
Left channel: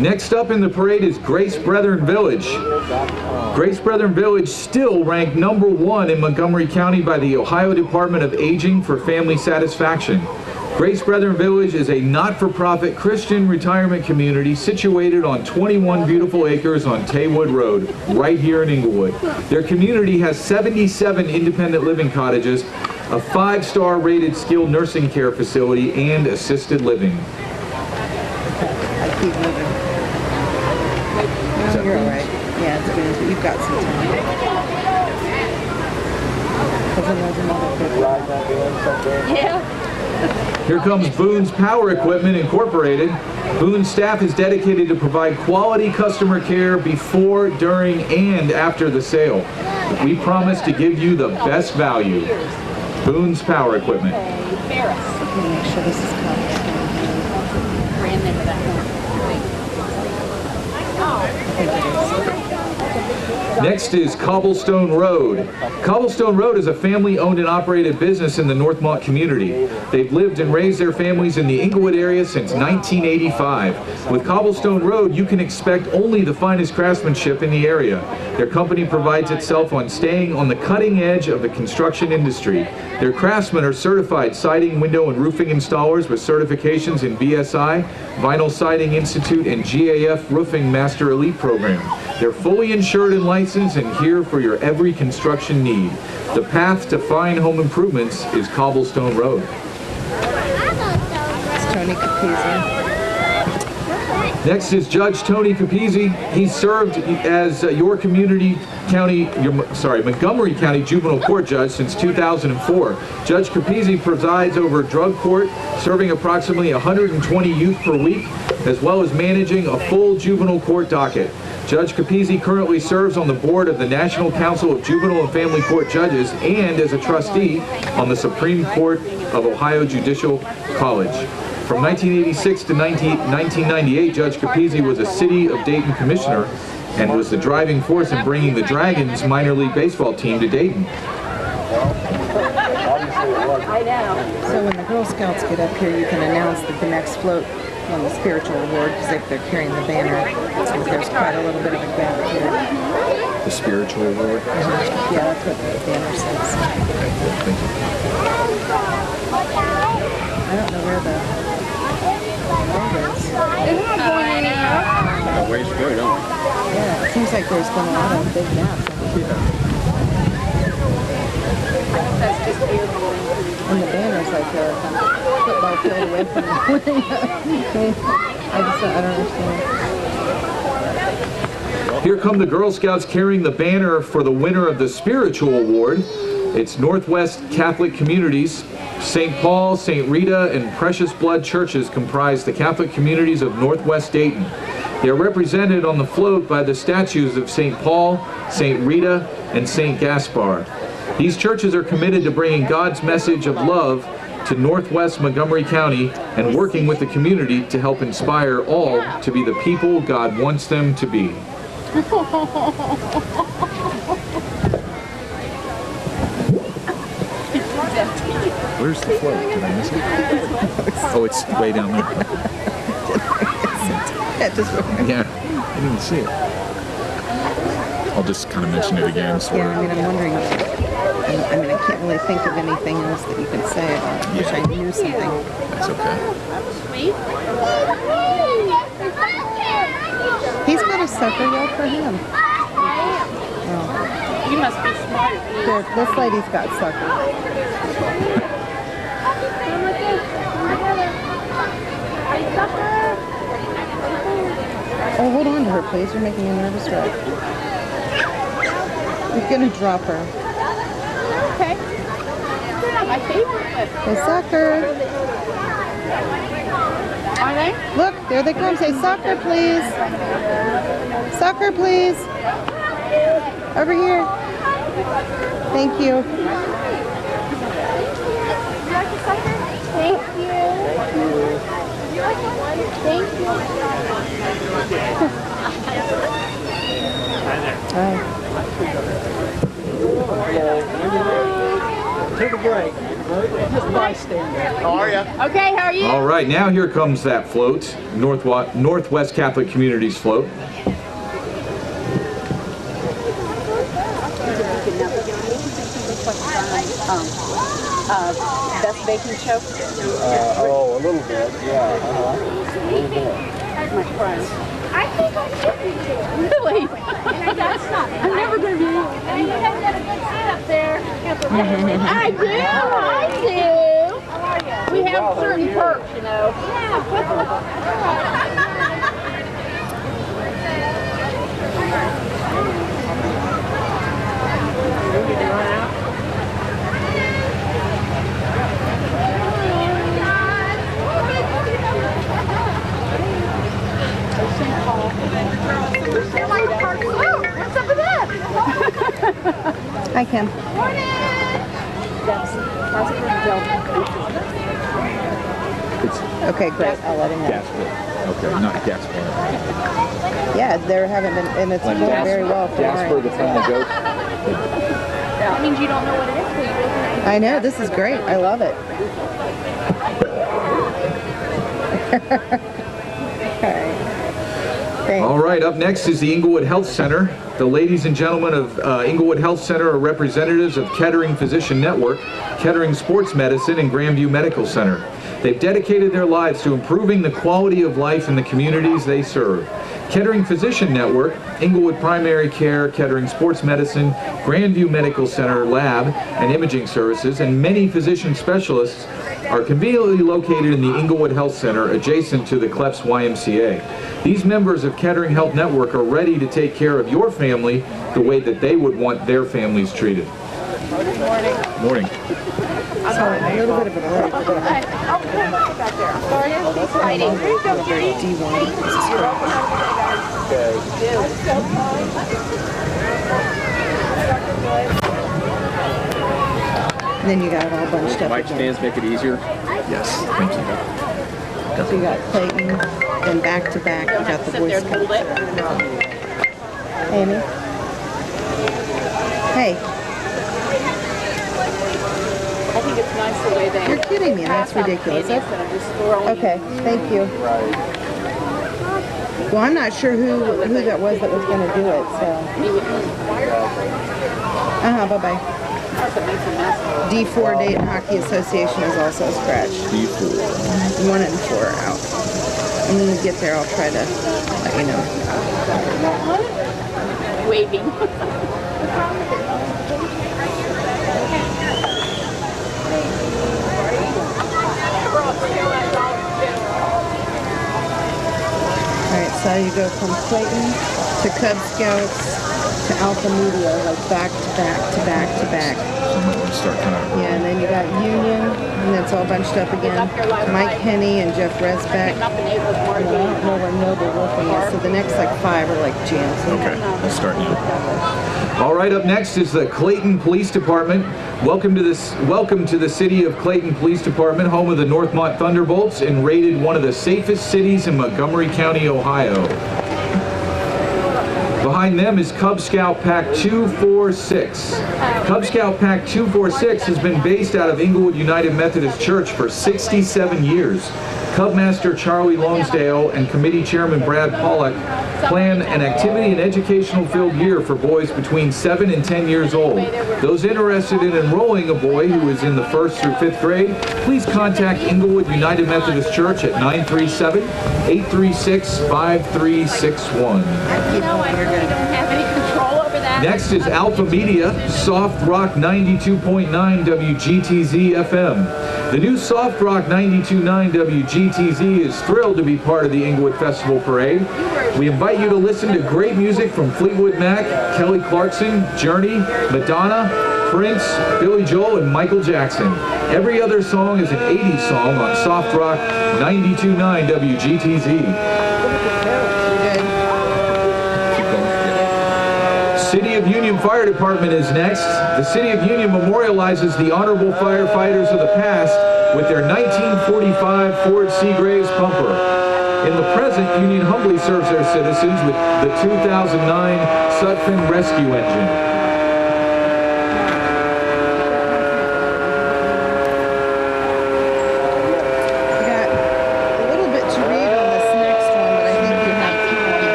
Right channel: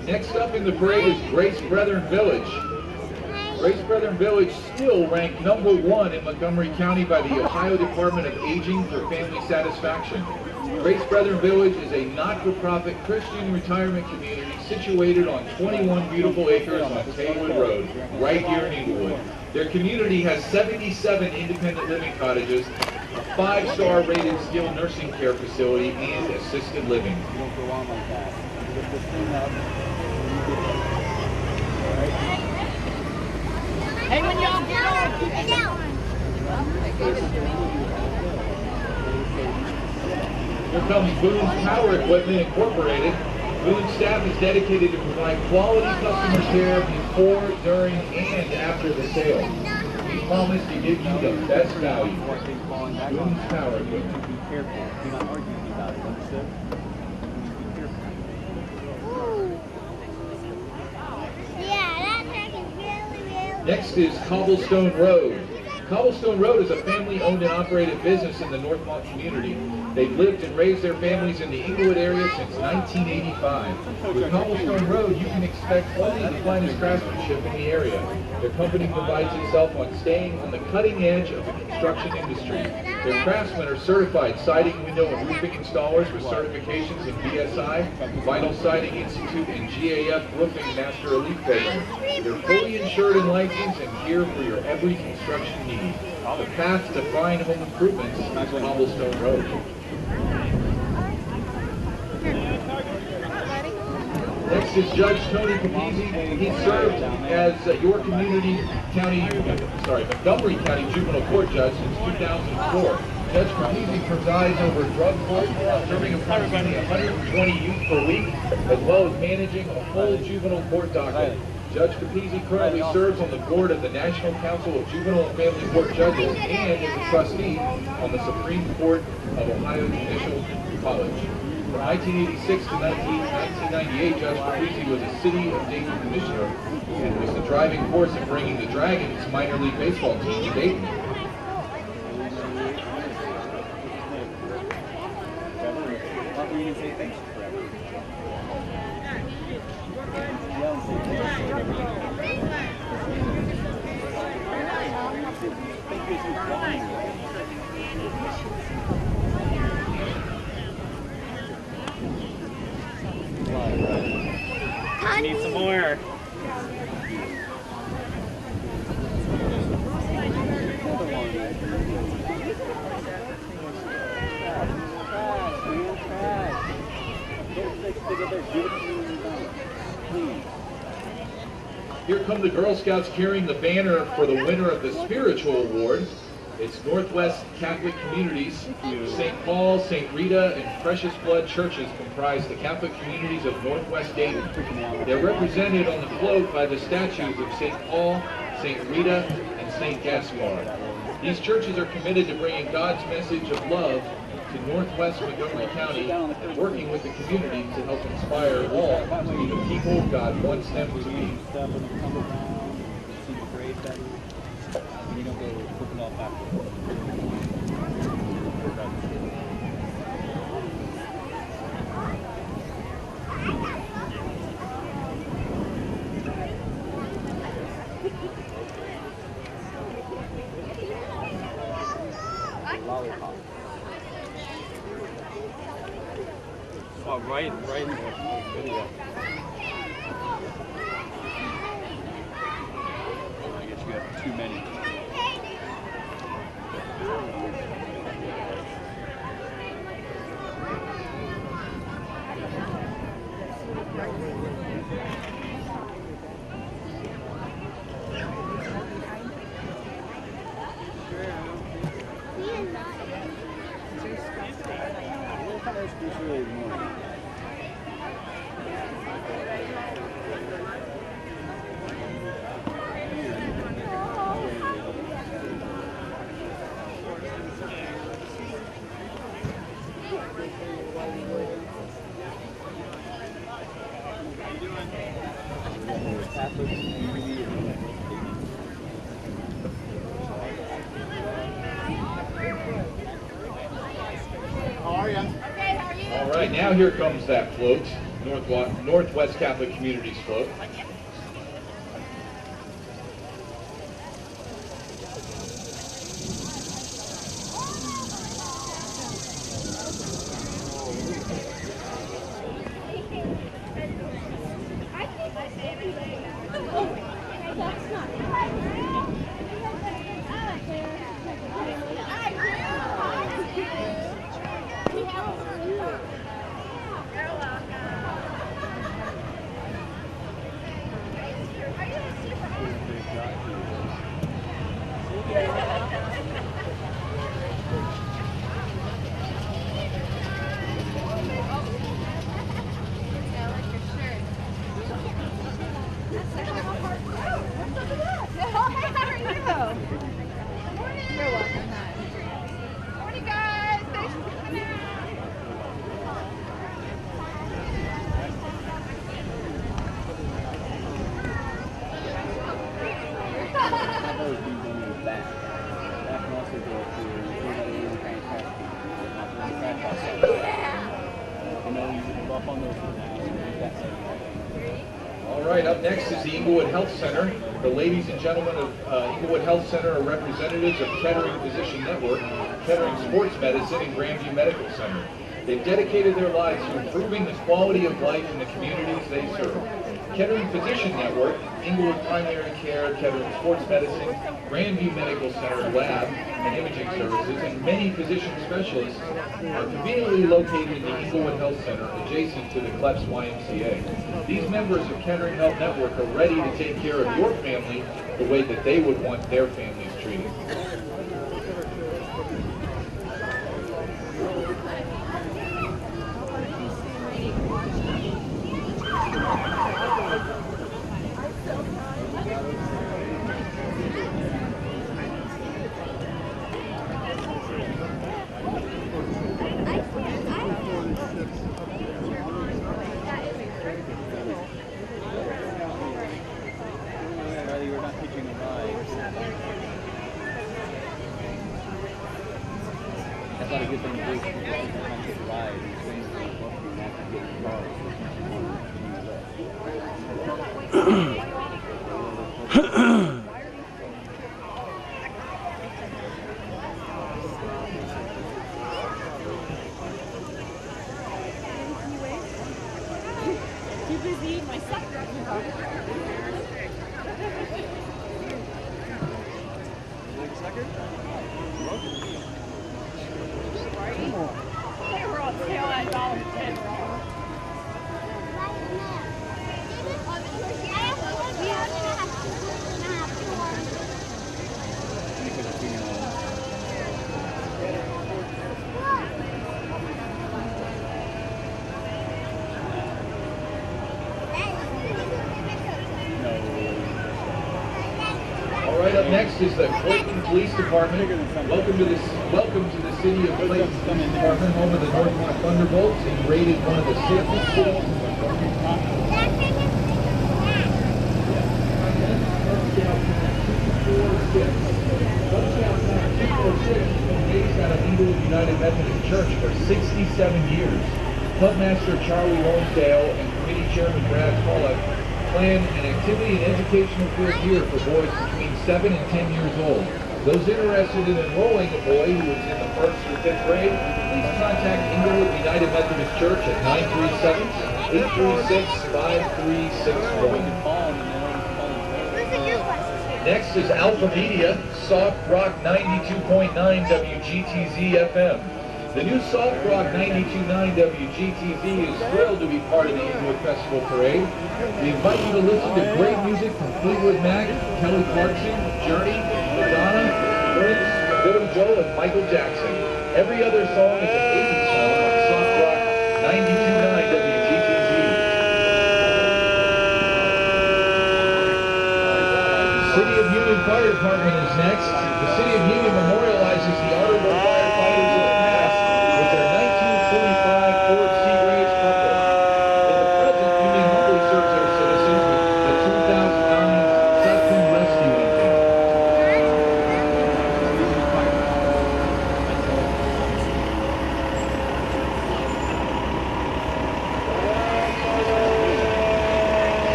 Next up in the parade is Grace Brethren Village. Grace Brethren Village still ranked #1 in Montgomery County by the Ohio Department of Aging for family satisfaction. Grace Brethren Village is a not-for-profit Christian retirement community situated on 21 beautiful acres on Taywood Road, right here in Englewood. Their community has 77 independent living cottages, a 5-star rated skilled nursing care facility, and assisted living. I keep moving. No, you're all right. Yeah, it's good, but you've got some time. Yeah. Here comes Boone's Power Equipment Incorporated. Boone's staff is dedicated to provide quality customer care before, during, and after the sale. We promise to give you the best value. Boone's Power Equipment. Make sure this is Cobblestone. Next is Cobblestone Road. Cobblestone Road is a family-owned and operated business in the Northmont community. They've lived and raised their families in the Englewood area since 1985. With Cobblestone Road, you can expect only the finest craftsmanship in the area. Their company prides itself on staying on the cutting edge of the construction industry. Their craftsmen are certified siding, window, and roofing installers with certifications in BSI, Vinyl Siding Institute, and GAF Roofing Master Elite Program. They're fully insured and licensed and here for your every construction need. The path to fine home improvements is Cobblestone Road. It's Tony Capizzi. Next is Judge Tony Capizzi. He served as Montgomery County Juvenile Court Judge since 2004. Judge Capizzi presides over drug court, serving approximately 120 youth per week, as well as managing a full juvenile court docket. Judge Capizzi currently serves on the board of the National Council of Juvenile and Family Court Judges and as a trustee on the Supreme Court of Ohio Judicial College. From 1986 to 1998, Judge Capizzi was a City of Dayton Commissioner and was the driving force in bringing the Dragons minor league baseball team to Dayton. I know. So when the Girl Scouts get up here, you can announce that the next float on the spiritual award, because if they're carrying the banner, there's quite a little bit of a gap here. The spiritual award. Yeah, that's what the banner says. I don't know where there's been a lot of big gaps. And the banner's like a football field away from the I don't understand. Here come the Girl Scouts carrying the banner for the winner of the Spiritual Award. It's Northwest Catholic Communities. St. Paul, St. Rita, and Precious Blood churches comprise the Catholic communities of Northwest Dayton. They are represented on the float by the statues of St. Paul, St. Rita, and St. Gaspar. These churches are committed to bringing God's message of love to Northwest Montgomery County and working with the community to help inspire all to be the people God wants them to be. Where's the float? Did I miss it? Oh, it's way down there. Yeah, I didn't see it. I'll just kind of mention it again. So Yeah, I mean, I'm wondering. I can't really think of anything else that you could say about it. I wish I knew something. that's okay. He's got a sucker yell for him. You must be smart. Here, this lady's got sucker. Oh, hold on to her, please. You're making a nervous wreck. You're gonna drop her. Okay. They're not my favorite, but Say sucker. are they? Look, there they come. Say sucker, please. Sucker, please. Over here. Thank you. You like the sucker? Thank you. You like one? Thank you. Take a break. Just bystander. How are you? Okay, how are you? All right, now here comes that float, Northwest Catholic Communities float. Best baking show? A little bit. Yeah. A little bit. My friend. I think I should be. Really? And I got stuck. I'm never going to be. And you have got a good seat up there. I do. We have certain perks, you know. What's up with that? Hi, Kim. Okay, great. I'll let him know. Okay, not Gaspar. Yeah, there haven't been, and it's going very well for Jasper, mine. the family joke. That means you don't know what it is. I know, this is great. I love it. Thanks. All right, up next is the Englewood Health Center. The ladies and gentlemen of Englewood Health Center are representatives of Kettering Physician Network, Kettering Sports Medicine, and Grandview Medical Center. They've dedicated their lives to improving the quality of life in the communities they serve. Kettering Physician Network, Englewood Primary Care, Kettering Sports Medicine, Grandview Medical Center Lab and Imaging Services, and many physician specialists are conveniently located in the Englewood Health Center adjacent to the Clefs YMCA. These members of Kettering Health Network are ready to take care of your family the way that they would want their families treated. Morning. So, a little bit of a break. Do you want to subscribe? And then you got it all bunched up. Mic stands make it easier. Yes, thank you. So you got Clayton, then back to back, you got the Boy Scouts. Amy? Hey, I think it's nice the way they. you're kidding me. That's ridiculous. Okay, thank you. Well, I'm not sure who that was going to do it, so. Bye-bye. D4 Dayton Hockey Association is also scratched. D4. 1 and 4 are out. And when we get there, I'll try to let you know. waving. Alright, so you go from Clayton to Cub Scouts to Alpha Media, like back to back to back to back. Start kind of. Yeah, and then you got Union, and it's all bunched up again. Mike Henney and Jeff Resbeck. And I don't know where Noble Roofing is, so the next like 5 are like jams. Okay, let's start now. All right, up next is the Clayton Police Department. Welcome to the City of Clayton Police Department, home of the Northmont Thunderbolts, and rated one of the safest cities in Montgomery County, Ohio. Behind them is Cub Scout Pack 246. Cub Scout Pack 246 has been based out of Englewood United Methodist Church for 67 years. Cub Master Charlie Longsdale and Committee Chairman Brad Pollack plan an activity and educational filled year for boys between 7 and 10 years old. Those interested in enrolling a boy who is in the 1st through 5th grade, please contact Englewood United Methodist Church at 937-836-5361. Next is Alpha Media, Soft Rock 92.9 WGTZ FM. The new Soft Rock 92.9 WGTZ is thrilled to be part of the Englewood Festival Parade. We invite you to listen to great music from Fleetwood Mac, Kelly Clarkson, Journey, Madonna, Prince, Billy Joel, and Michael Jackson. Every other song is an 80s song on Soft Rock 92.9 WGTZ. City of Union Fire Department is next. The City of Union memorializes the honorable firefighters of the past with their 1945 Ford Seagraves pumper. In the present, Union humbly serves their citizens with the 2009 Sutphen Rescue Engine.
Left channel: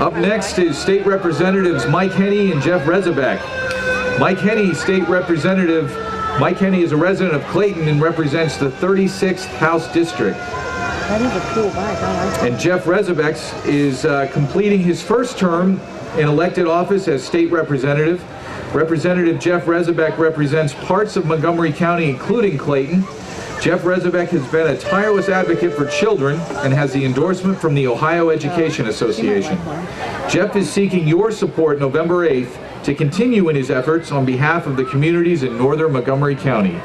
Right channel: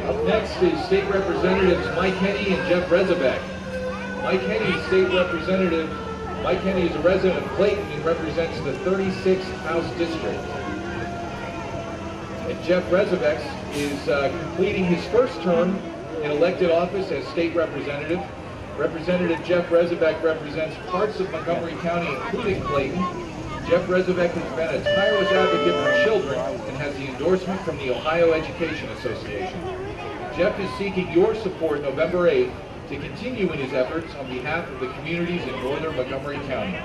Up next is State Representatives Mike Henney and Jeff Resbeck. Mike Henney is a resident of Clayton and represents the 36th House District. That is a cool bike, I like it. And Jeff Resbeck is completing his first term in elected office as state representative. Representative Jeff Resbeck represents parts of Montgomery County, including Clayton. Jeff Resbeck has been a tireless advocate for children and has the endorsement from the Ohio Education Association. Jeff is seeking your support November 8th to continue in his efforts on behalf of the communities in northern Montgomery County.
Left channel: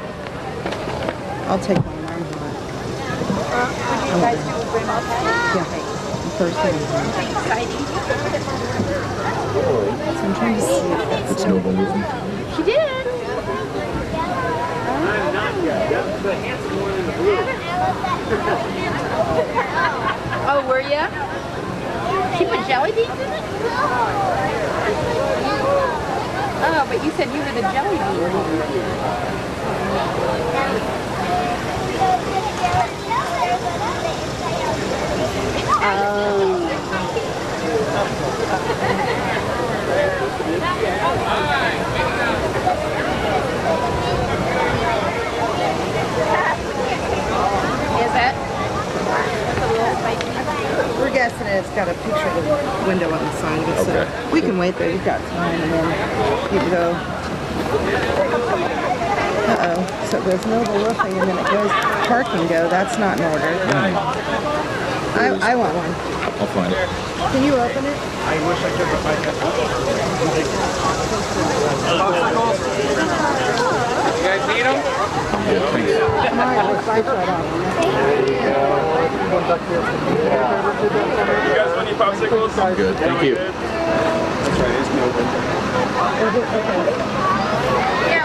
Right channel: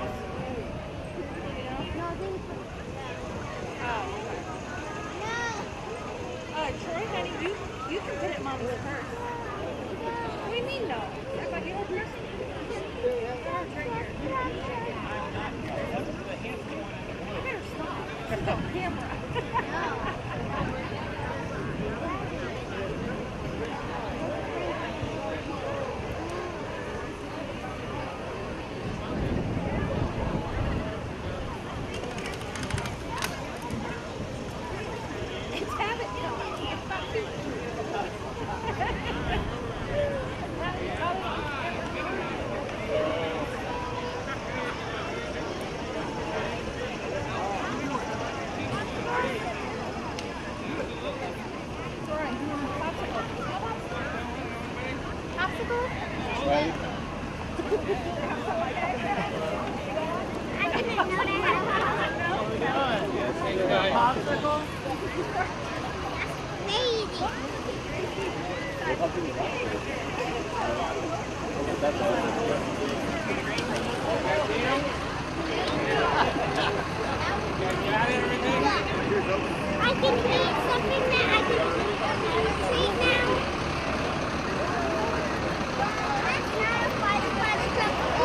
I'll take one. Yeah, the first thing. So I'm trying to see if that's It's Noble Roofing. She did. Oh, were ya? She put jelly beans in it? Oh, but you said you were the jelly bean. Is that? We're guessing it's got a picture of the window on the side of it, so we can wait there. You've got time, and then you can go. Uh-oh. So it goes Noble Roofing, and then it goes Park and Go. That's not in order. I want one. I'll find it. Can you open it? I wish I could, but I can't. You guys need them? Mark, it's like that out. You guys want any popsicles? Good, thank you. Let's try this to open.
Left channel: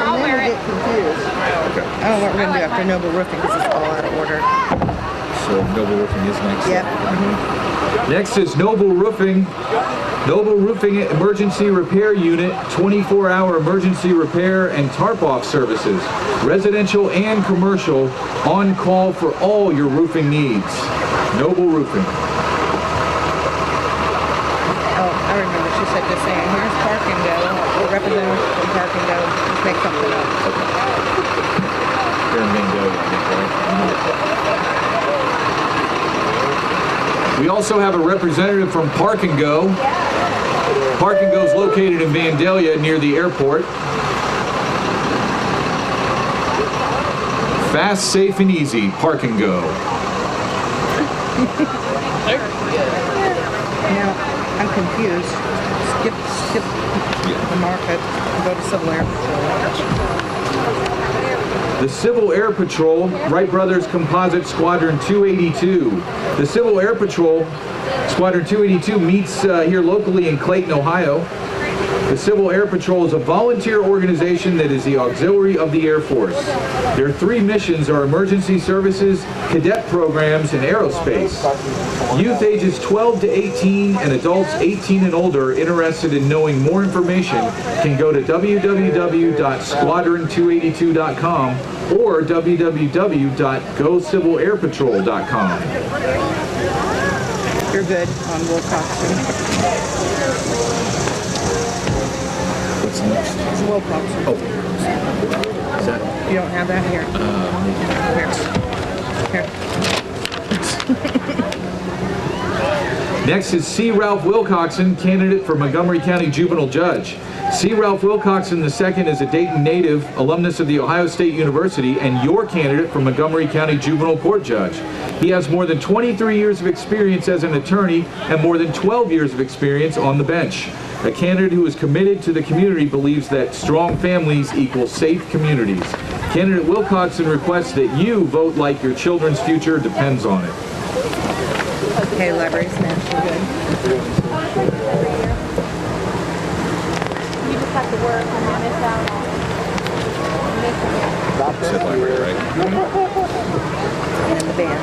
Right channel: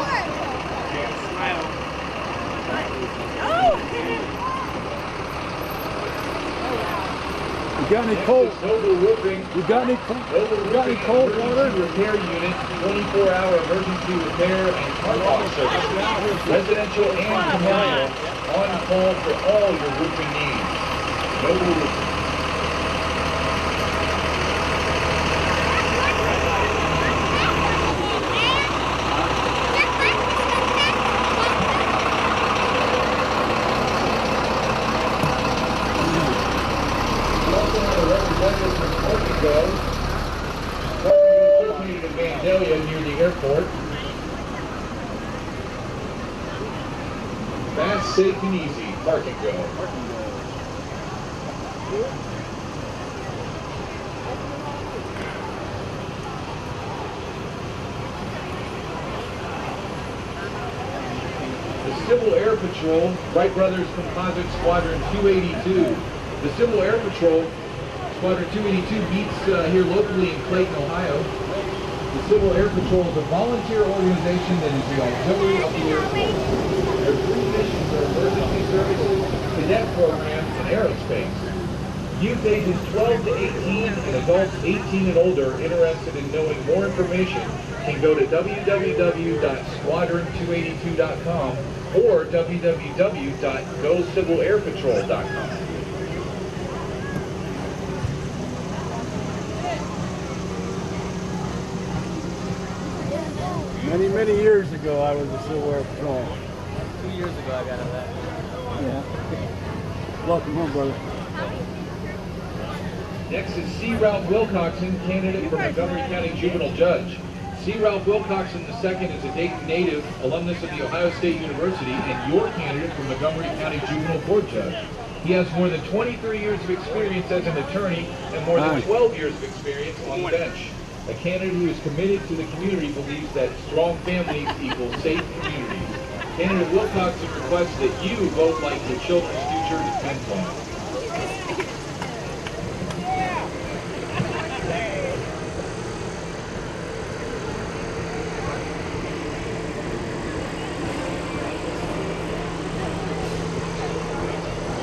I'm gonna get confused. I don't know what we're gonna do after Noble Roofing because it's all out of order. So so Noble Roofing is next. Yep. Next is Noble Roofing. Noble Roofing Emergency Repair Unit, 24-hour emergency repair and tarp-off services. Residential and commercial, on call for all your roofing needs. Noble Roofing. Oh, I remember. She said the same. Here's Park and Go. The representative from Park and Go. Make something up. We also have a representative from Park and Go. Park and Go is located in Vandalia near the airport. Fast, safe, and easy. Park and Go. Now, I'm confused. Skip the market and go to Civil Air Patrol. The Civil Air Patrol, Wright Brothers Composite Squadron 282. The Civil Air Patrol, Squadron 282, meets here locally in Clayton, Ohio. The Civil Air Patrol is a volunteer organization that is the auxiliary of the Air Force. Their three missions are emergency services, cadet programs, and aerospace. Youth ages 12 to 18 and adults 18 and older interested in knowing more information can go to www.squadron282.com or www.gocivilairpatrol.com. You're good on Wilcoxon. What's next? Wilcoxon. Is that? You don't have that here. Here. Next is C. Ralph Wilcoxon, candidate for Montgomery County Juvenile Judge. C. Ralph Wilcoxon II is a Dayton native, alumnus of the Ohio State University, and your candidate for Montgomery County Juvenile Court Judge. He has more than 23 years of experience as an attorney and more than 12 years of experience on the bench. A candidate who is committed to the community believes that strong families equal safe communities. Candidate Wilcoxon requests that you vote like your children's future depends on it. Okay, library's national. You just have to work and miss out on Said library, right? And the band.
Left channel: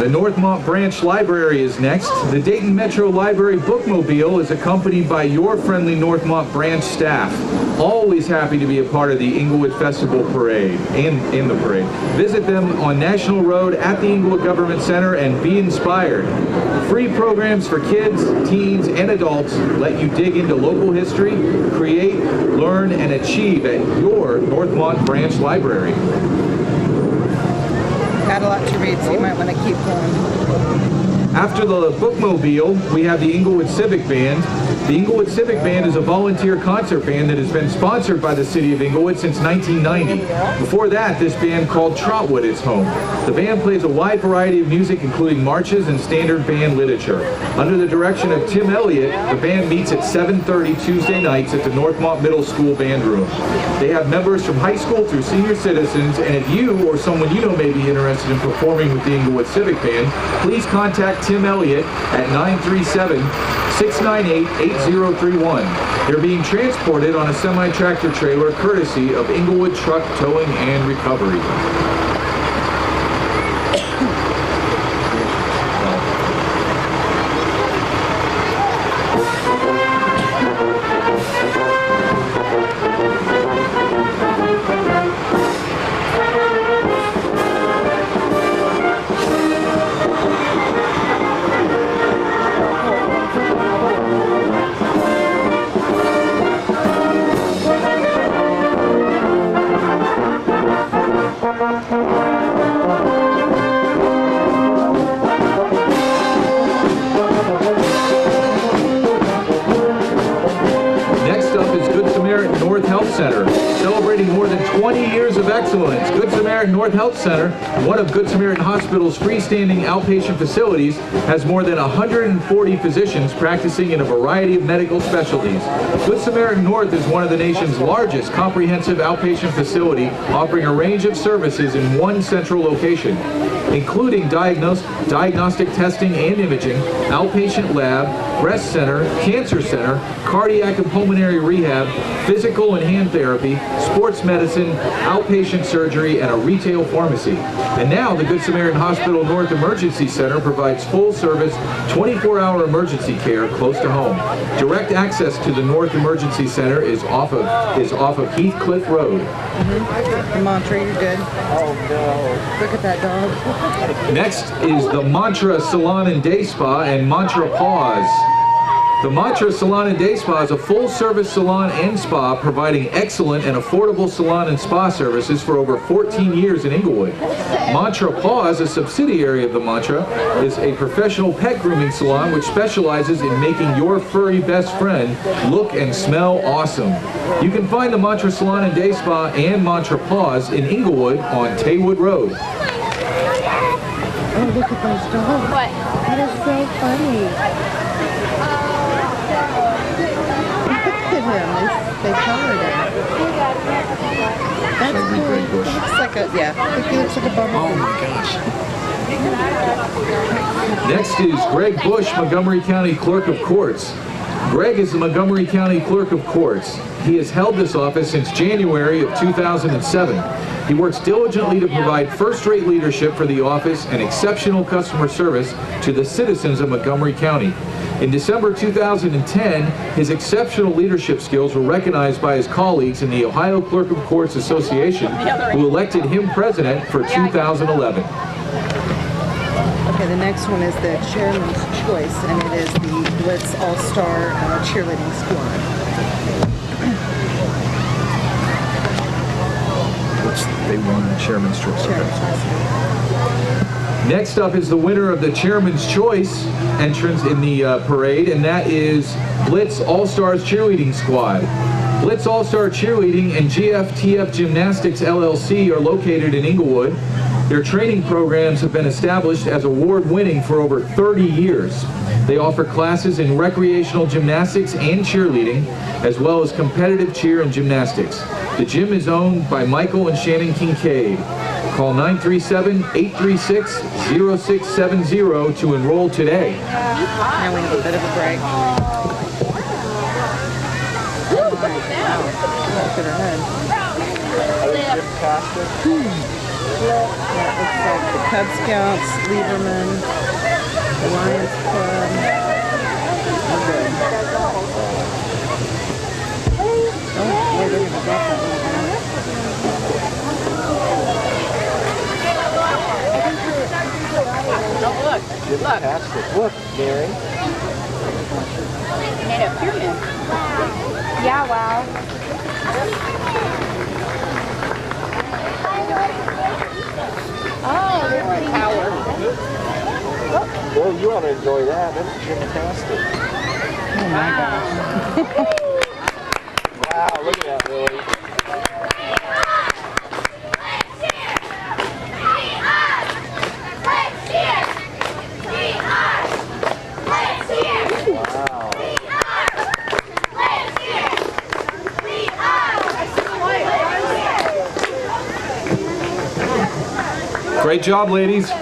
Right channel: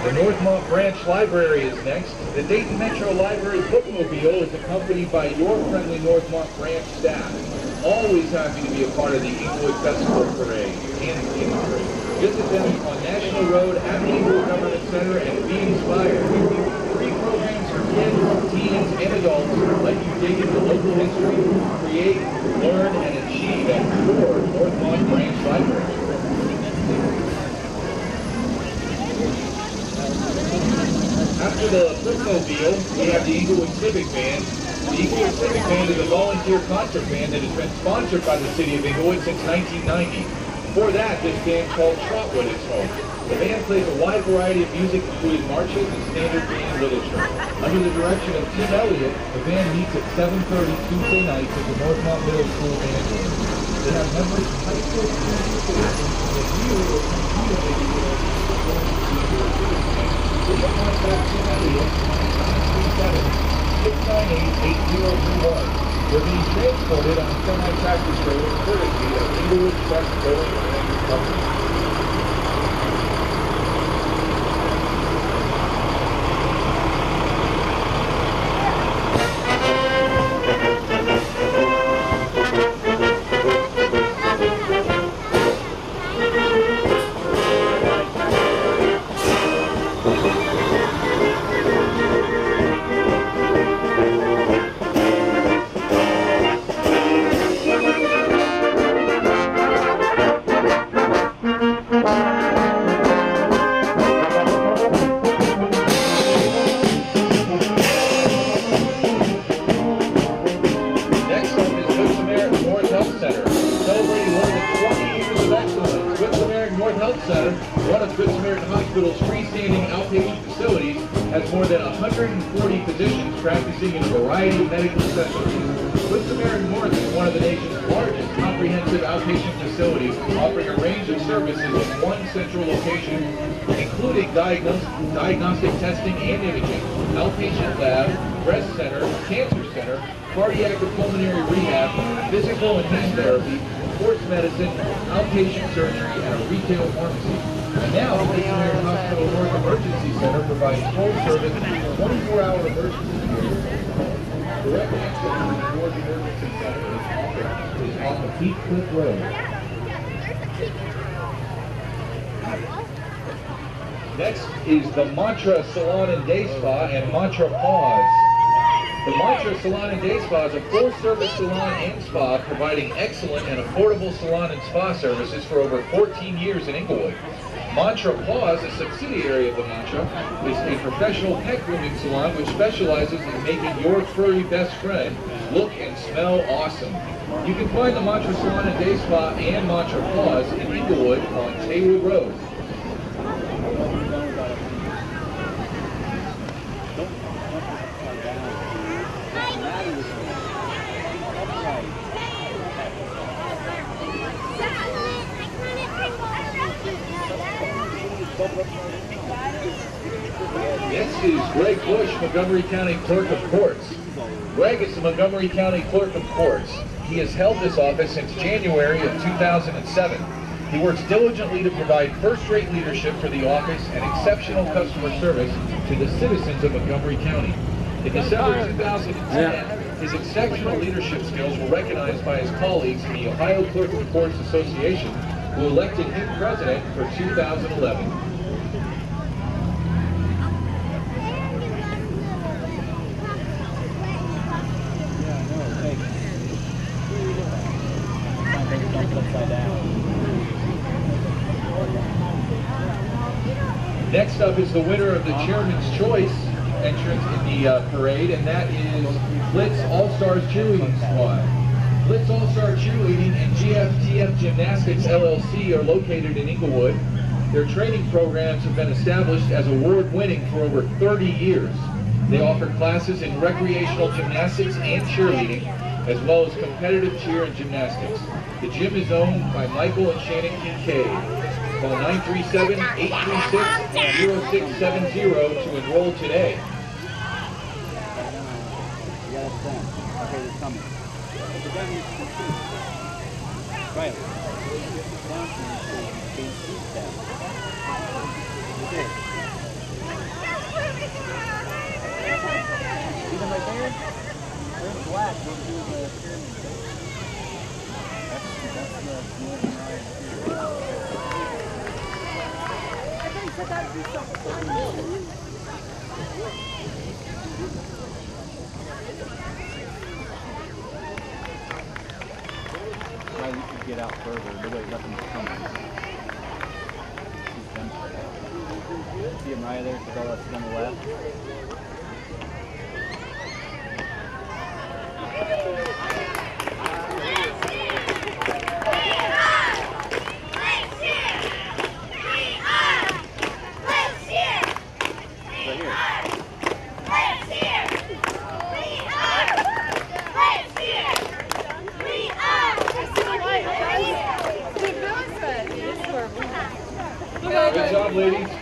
The Northmont Branch Library is next. The Dayton Metro Library Bookmobile is accompanied by your friendly Northmont Branch staff. Always happy to be a part of the Englewood Festival Parade and in the parade. Visit them on National Road at the Englewood Government Center and be inspired. Free programs for kids, teens, and adults let you dig into local history, create, learn, and achieve at your Northmont Branch Library. Got a lot to read, so you might want to keep going. After the Bookmobile, we have the Englewood Civic Band. The Englewood Civic Band is a volunteer concert band that has been sponsored by the city of Englewood since 1990. Before that, this band called Trotwood is home. The band plays a wide variety of music, including marches and standard band literature. Under the direction of Tim Elliott, the band meets at 7:30 Tuesday nights at the Northmont Middle School Band Room. They have members from high school through senior citizens, and if you or someone you know may be interested in performing with the Englewood Civic Band, please contact Tim Elliott at 937-698-8031. They're being transported on a semi-tractor trailer courtesy of Englewood Truck Towing and Recovery. Center, one of Good Samaritan Hospital's freestanding outpatient facilities, has more than 140 physicians practicing in a variety of medical specialties. Good Samaritan North is one of the nation's largest comprehensive outpatient facility, offering a range of services in one central location, including diagnostic testing and imaging, outpatient lab, breast center, cancer center, cardiac and pulmonary rehab, physical and hand therapy, sports medicine, outpatient surgery, and a retail pharmacy. And now the Good Samaritan Hospital North Emergency Center provides full-service, 24-hour emergency care close to home. Direct access to the North Emergency Center is off of Heathcliff Road. The mantra, you're good. Oh, no. Look at that dog. Next is the Mantra Salon and Day Spa and Mantra Pause. The Mantra Salon and Day Spa is a full-service salon and spa providing excellent and affordable salon and spa services for over 14 years in Englewood. Mantra Paws, a subsidiary of the Mantra, is a professional pet grooming salon which specializes in making your furry best friend look and smell awesome. You can find the Mantra Salon and Day Spa and Mantra Paws in Englewood on Taywood Road. Oh, look at those dogs. What? That is so funny. Look at him. They colored it. That's cool. It looks like a, yeah. It looks like a bubble. Oh my gosh. Next is Greg Bush, Montgomery County Clerk of Courts. Greg is the Montgomery County Clerk of Courts. He has held this office since January of 2007. He works diligently to provide first-rate leadership for the office and exceptional customer service to the citizens of Montgomery County. In December 2010, his exceptional leadership skills were recognized by his colleagues in the Ohio Clerk of Courts Association, who elected him president for 2011. Okay, the next one is the Chairman's Choice, and it is the Blitz All-Star Cheerleading Squad. They won Chairman's Choice. Chairman's Choice. Next up is the winner of the Chairman's Choice entrance in the parade, and that is Blitz All-Stars Cheerleading Squad. Blitz All-Star Cheerleading and GFTF Gymnastics LLC are located in Englewood. Their training programs have been established as award-winning for over 30 years. They offer classes in recreational gymnastics and cheerleading, as well as competitive cheer and gymnastics. The gym is owned by Michael and Shannon Kincaid. Call 937-836-0670 to enroll today. Now we have a bit of a break. Look at her head. That looks like the Cub Scouts, Lieberman, Lions Club. Okay. Oh, wait, look at the drop that one down. Don't look. Look. Look, Mary. Made a pyramid. Yeah, wow. Oh, or a tower. Well, you ought to enjoy that. That's fantastic. Oh my gosh. Wow, look at that, Lily. Great job, ladies.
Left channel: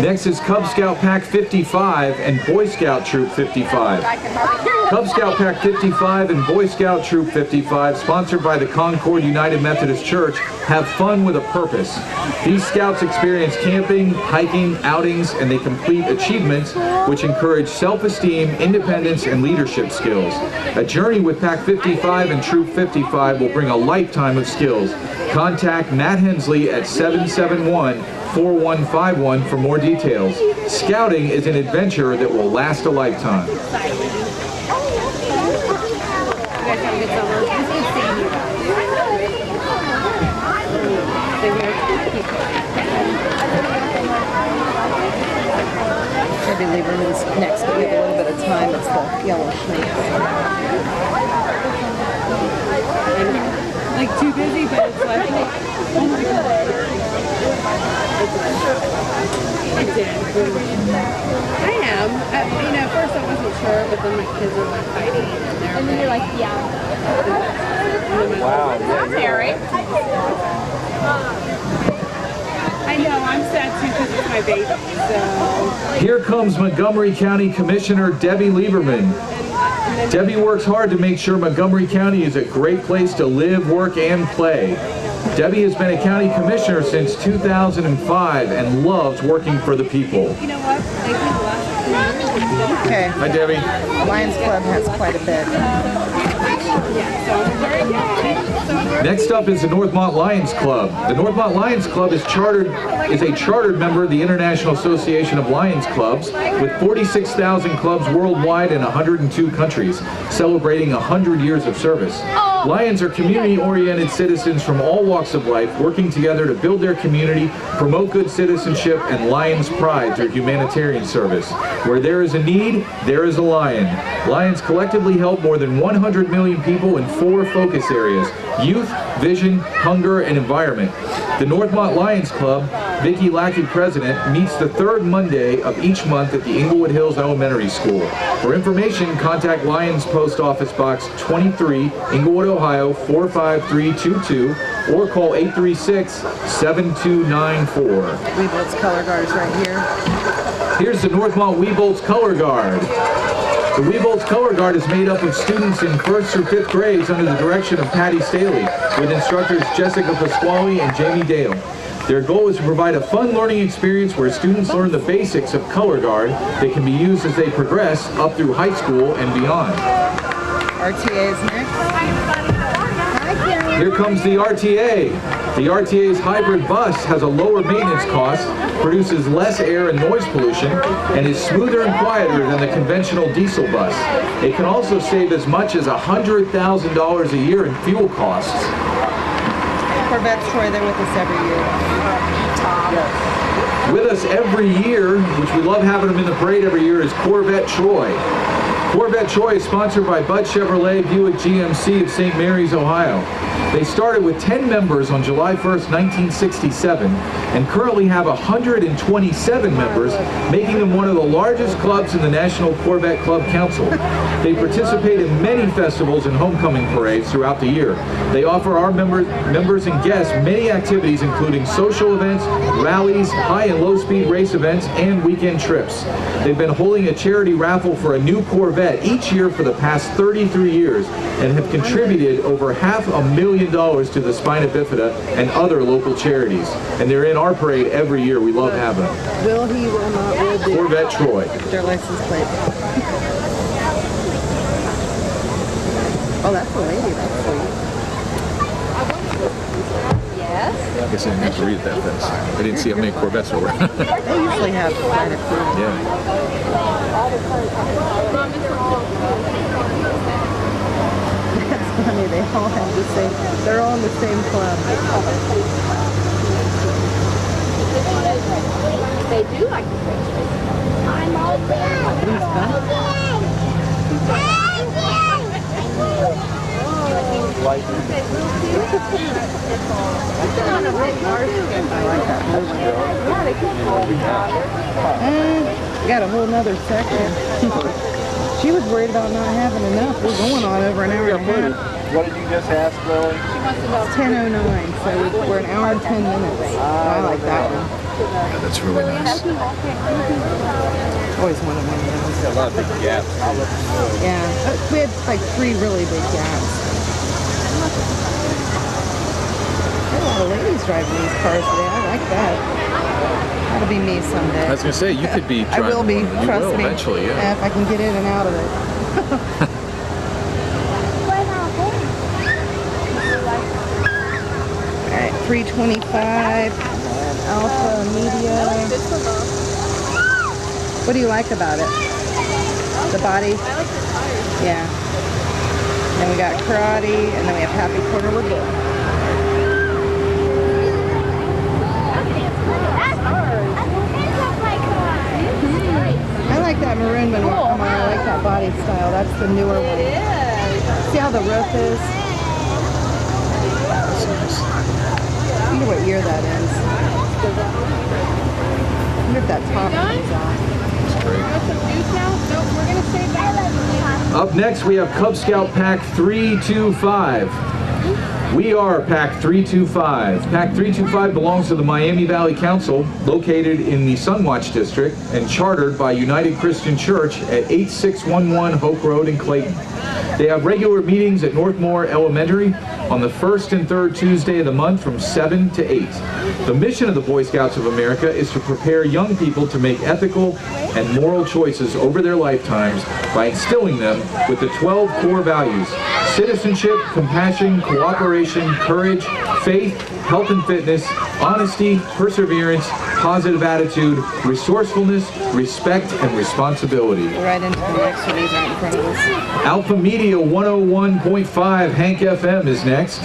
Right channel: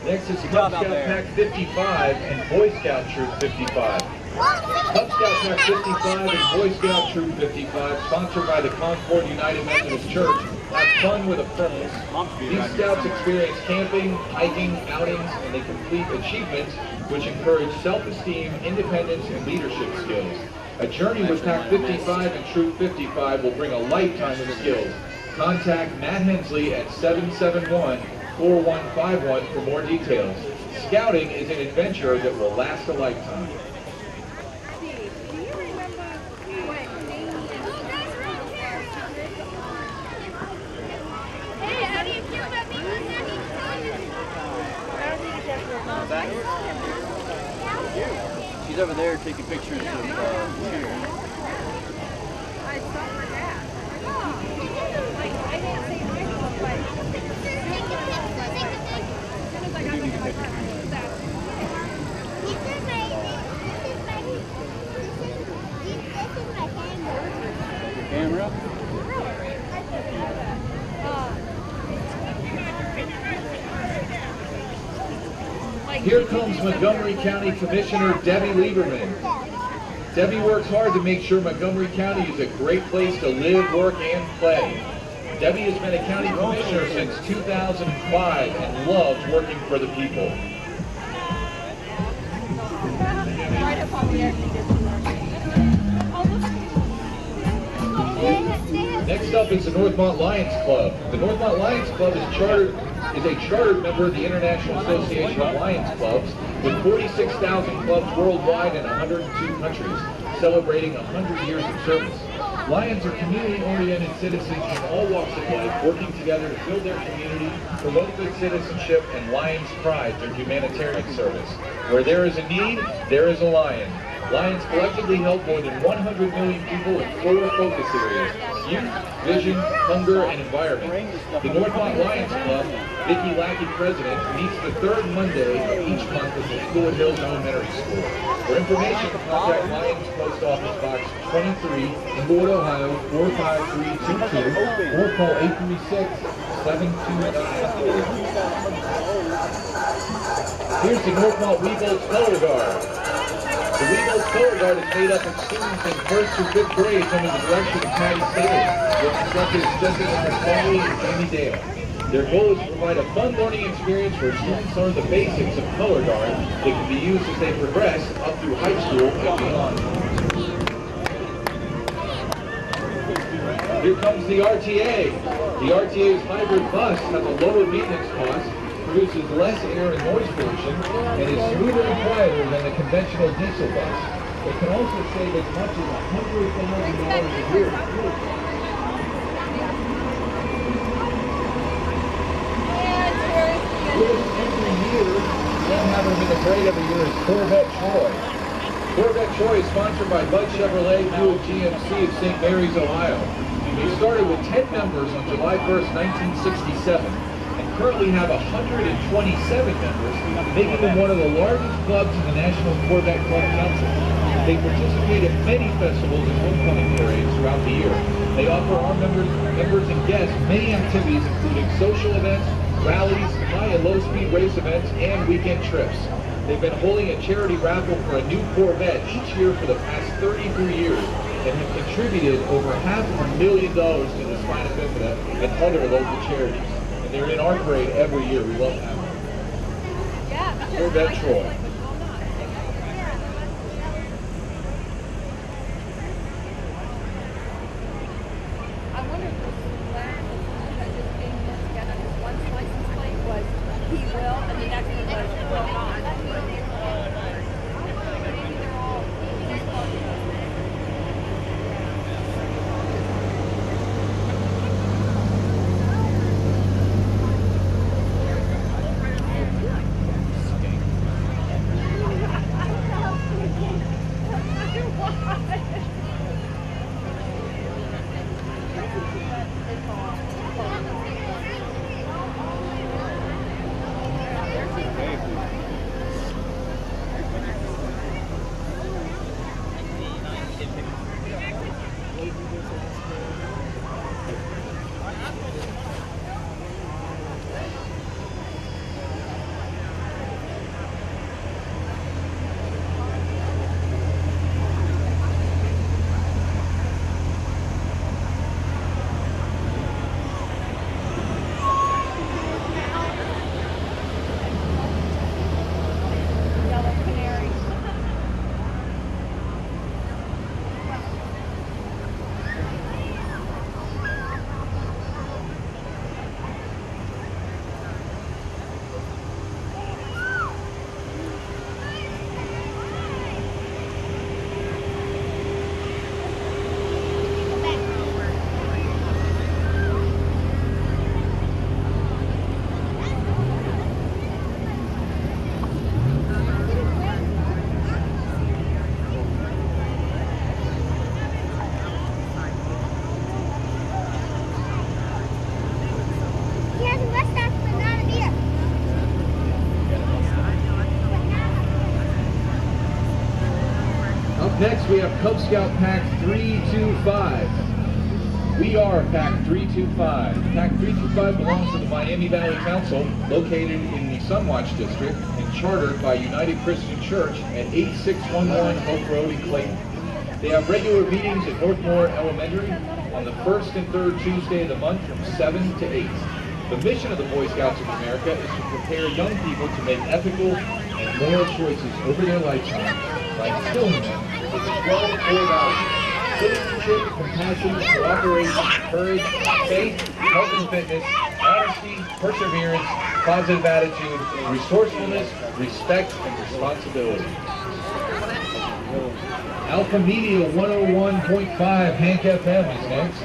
Next is Cub Scout Pack 55 and Boy Scout Troop 55. Cub Scout Pack 55 and Boy Scout Troop 55, sponsored by the Concord United Methodist Church, have fun with a purpose. These scouts experience camping, hiking, outings, and they complete achievements which encourage self-esteem, independence, and leadership skills. A journey with Pack 55 and Troop 55 will bring a lifetime of skills. Contact Matt Hensley at 771-4151 for more details. Scouting is an adventure that will last a lifetime. Maybe Lieberman's next, but we have a little bit of time. It's the yellow snake. Like too busy, but it's like, oh my God. I am. At first I wasn't sure, but then my kids were like fighting. And then you're like, yeah. Wow. Mary. I know, I'm sad too, because my baby. So Here comes Montgomery County Commissioner Debbie Lieberman. Debbie works hard to make sure Montgomery County is a great place to live, work, and play. Debbie has been a county commissioner since 2005 and loves working for the people. you know what? Okay. Hi, Debbie. Lions Club has quite a bit. Next up is the Northmont Lions Club. The Northmont Lions Club is a chartered member of the International Association of Lions Clubs with 46,000 clubs worldwide in 102 countries, celebrating 100 years of service. Lions are community-oriented citizens from all walks of life working together to build their community, promote good citizenship, and Lions pride through humanitarian service. Where there is a need, there is a lion. Lions collectively help more than 100 million people in 4 focus areas: youth, vision, hunger, and environment. The Northmont Lions Club, Vicki Lackey president, meets the 3rd Monday of each month at the Englewood Hills Elementary School. For information, contact Lions Post Office Box 23, Englewood, Ohio 45322, or call 836-7294. Weevil's Color Guard is right here. Here's the Northmont Weevil's Color Guard. The Weevil's Color Guard is made up of students in 1st through 5th grades under the direction of Patty Staley, with instructors Jessica Pasquale and Jamie Dale. Their goal is to provide a fun learning experience where students learn the basics of color guard. They can be used as they progress up through high school and beyond. RTA is next. Here comes the RTA. The RTA's hybrid bus has a lower maintenance cost, produces less air and noise pollution, and is smoother and quieter than the conventional diesel bus. It can also save as much as $100,000 a year in fuel costs. Corvette's Troy, they're with us every year. With us every year, which we love having them in the parade every year, is Corvette Troy. Corvette Troy is sponsored by Bud Chevrolet Buick GMC of St. Mary's, Ohio. They started with 10 members on July 1st, 1967, and currently have 127 members, making them one of the largest clubs in the National Corvette Club Council. They participate in many festivals and homecoming parades throughout the year. They offer our members and guests many activities, including social events, rallies, high and low speed race events, and weekend trips. They've been holding a charity raffle for a new Corvette each year for the past 33 years and have contributed over $500,000 to the Spina Bifida and other local charities. And they're in our parade every year. We love having them. Will he, will not, will do. Corvette Troy. Their license plate. Oh, that's a lady. That's sweet. I guess I didn't have to read it that fast. I didn't see how many Corvettes there were. They usually have quite a few. Yeah. That's funny. They all have the same. They're all in the same club. They do like the pictures. I'm all there. I like that one. Got a whole nother section. She was worried about not having enough. We're going on over an hour and a half. What did you just ask, Lily? It's 10:09, so we're an hour and 10 minutes. I like that one. Yeah, that's really nice. Always wanted one of those. A lot of big gaps. Yeah, we had like 3 really big gaps. There's a lot of ladies driving these cars today. I like that. That'll be me someday. I was going to say, you could be I will be, You trust will me. eventually, yeah. If I can get in and out of it. All right, 325, Alpha Media. What do you like about it? The body? Yeah. Then we got Karate, and then we have Happy Corner. We're good. I like that maroon one. I like that body style. That's the newer one. See how the roof is? I wonder what year that is. I wonder if that top comes on. Up next, we have Cub Scout Pack 325. We are Pack 325. Pack 325 belongs to the Miami Valley Council, located in the Sunwatch District and chartered by United Christian Church at 8611 Hope Road in Clayton. They have regular meetings at Northmore Elementary on the first and third Tuesday of the month from 7 to 8. The mission of the Boy Scouts of America is to prepare young people to make ethical and moral choices over their lifetimes by instilling them with the 12 core values: citizenship, compassion, cooperation, courage, faith, health and fitness, honesty, perseverance, positive attitude, resourcefulness, respect, and responsibility. Right into the next one, these aren't in front of us. Alpha Media 101.5 Hank FM is next.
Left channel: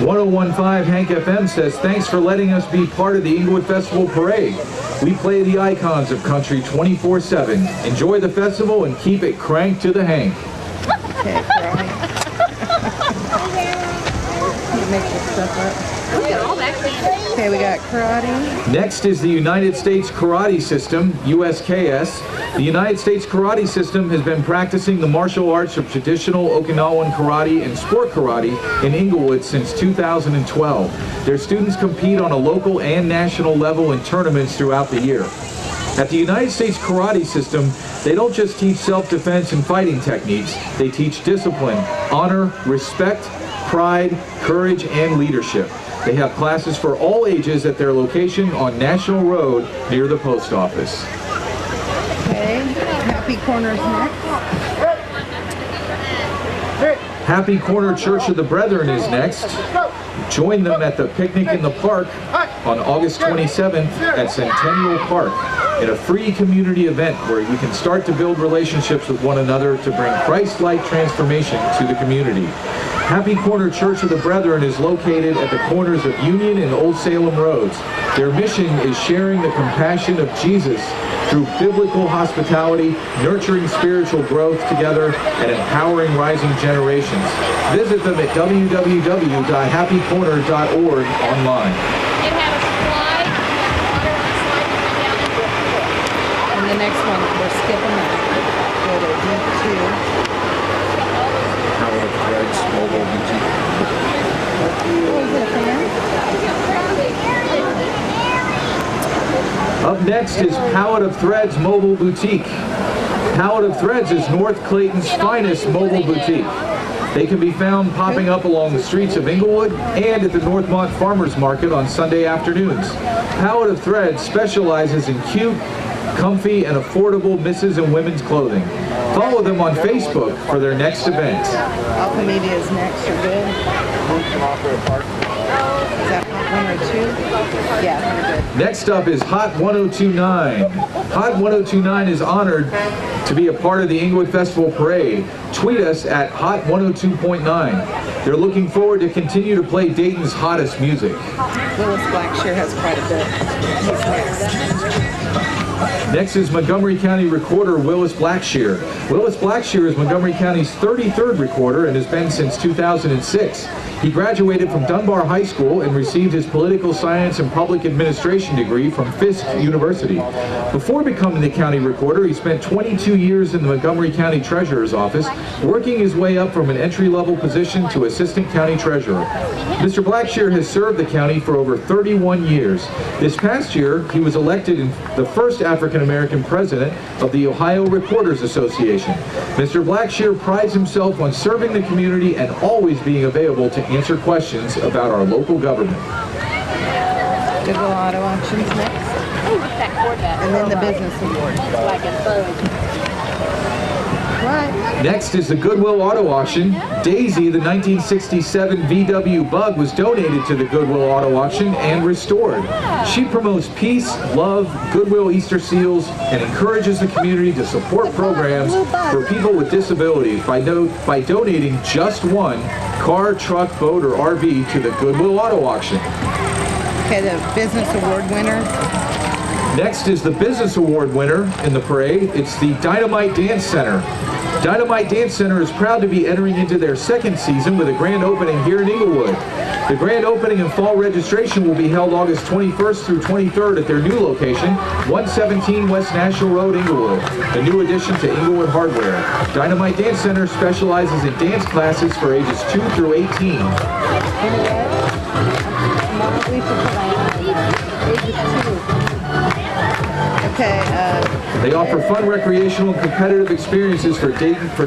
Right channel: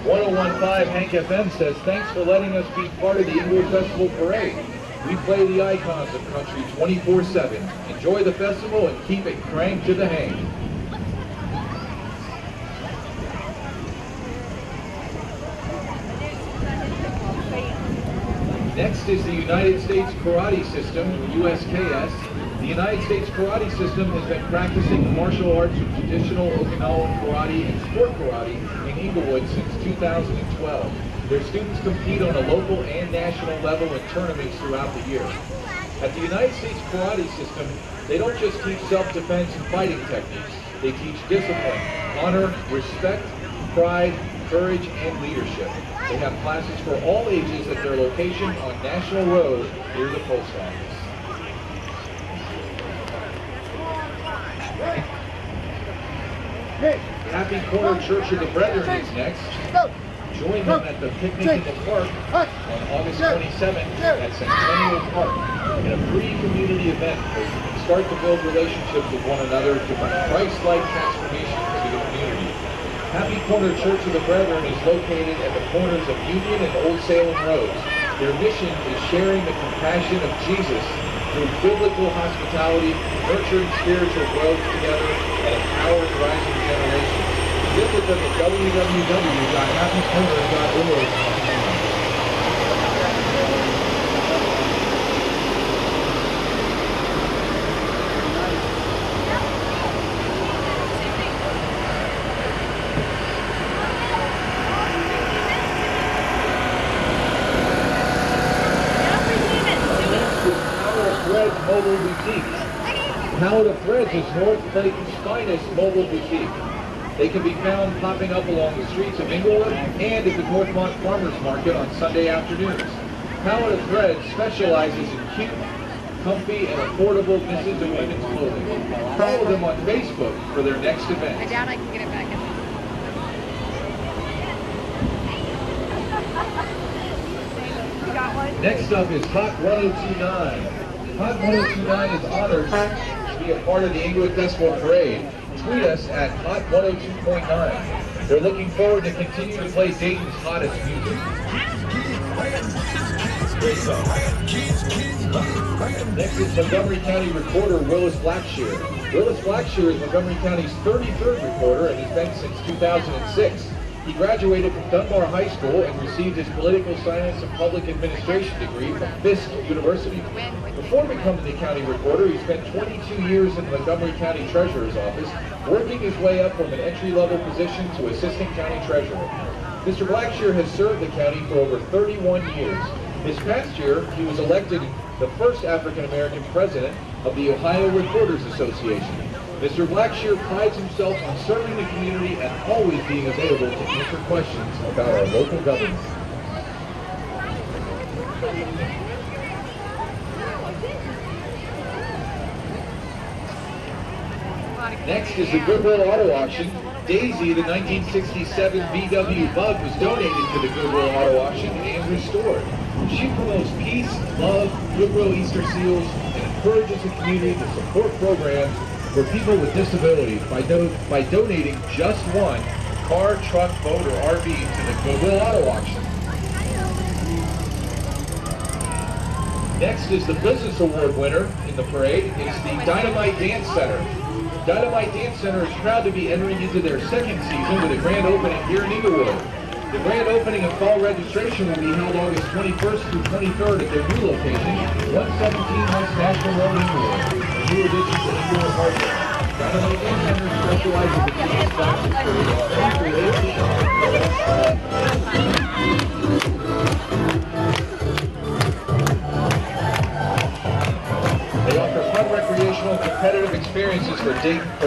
1015 Hank FM says, thanks for letting us be part of the Englewood Festival Parade. We play the icons of country 24/7. Enjoy the festival and keep it cranked to the Hank. Okay, karate. You make this stuff up. Look at all that candy. Okay, we got karate. Next is the United States Karate System, USKS. The United States Karate System has been practicing the martial arts of traditional Okinawan karate and sport karate in Englewood since 2012. Their students compete on a local and national level in tournaments throughout the year. At the United States Karate System, they don't just teach self-defense and fighting techniques, they teach discipline, honor, respect, pride, courage, and leadership. They have classes for all ages at their location on National Road near the post office. Okay, Happy Corner's next. Happy Corner Church of the Brethren is next. Join them at the picnic in the park on August 27th at Centennial Park in a free community event where you can start to build relationships with one another to bring Christ-like transformation to the community. Happy Corner Church of the Brethren is located at the corners of Union and Old Salem Roads. Their mission is sharing the compassion of Jesus through biblical hospitality, nurturing spiritual growth together, and empowering rising generations. Visit them at www.happycorner.org online. And the next one, we're skipping that. Go to number 2. Up next is Palette of Threads Mobile Boutique. Palette of Threads is North Clayton's finest mobile boutique. They can be found popping up along the streets of Englewood and at the Northmont Farmers Market on Sunday afternoons. Palette of Threads specializes in cute, comfy, and affordable misses and women's clothing. Follow them on Facebook for their next event. Alpha Media is next. You're good. Is that Hot 1 or 2? Yeah, you're good. Next up is Hot 1029. Hot 1029 is honored to be a part of the Englewood Festival Parade. Tweet us at Hot 102.9. They're looking forward to continue to play Dayton's hottest music. Willis Blackshear has quite a bit. Next is Montgomery County Recorder Willis Blackshear. Willis Blackshear is Montgomery County's 33rd recorder and has been since 2006. He graduated from Dunbar High School and received his political science and public administration degree from Fisk University. Before becoming the county recorder, he spent 22 years in the Montgomery County Treasurer's office, working his way up from an entry-level position to assistant county treasurer. Mr. Blackshear has served the county for over 31 years. This past year, he was elected the first African-American president of the Ohio Reporters Association. Mr. Blackshear prides himself on serving the community and always being available to answer questions about our local government. Goodwill Auto Auctions next. And then the Business Award. What? Next is the Goodwill Auto Auction. Daisy, the 1967 VW Bug, was donated to the Goodwill Auto Auction and restored. She promotes peace, love, Goodwill Easter seals, and encourages the community to support programs for people with disabilities by donating just one car, truck, boat, or RV to the Goodwill Auto Auction. Okay, the Business Award winner. Next is the Business Award winner in the parade. It's the Dynamite Dance Center. Dynamite Dance Center is proud to be entering into their second season with a grand opening here in Englewood. The grand opening and fall registration will be held August 21st through 23rd at their new location, 117 West National Road, Englewood, a new addition to Englewood Hardware. Dynamite Dance Center specializes in dance classes for ages 2 through 18. Okay, They offer fun, recreational, and competitive experiences for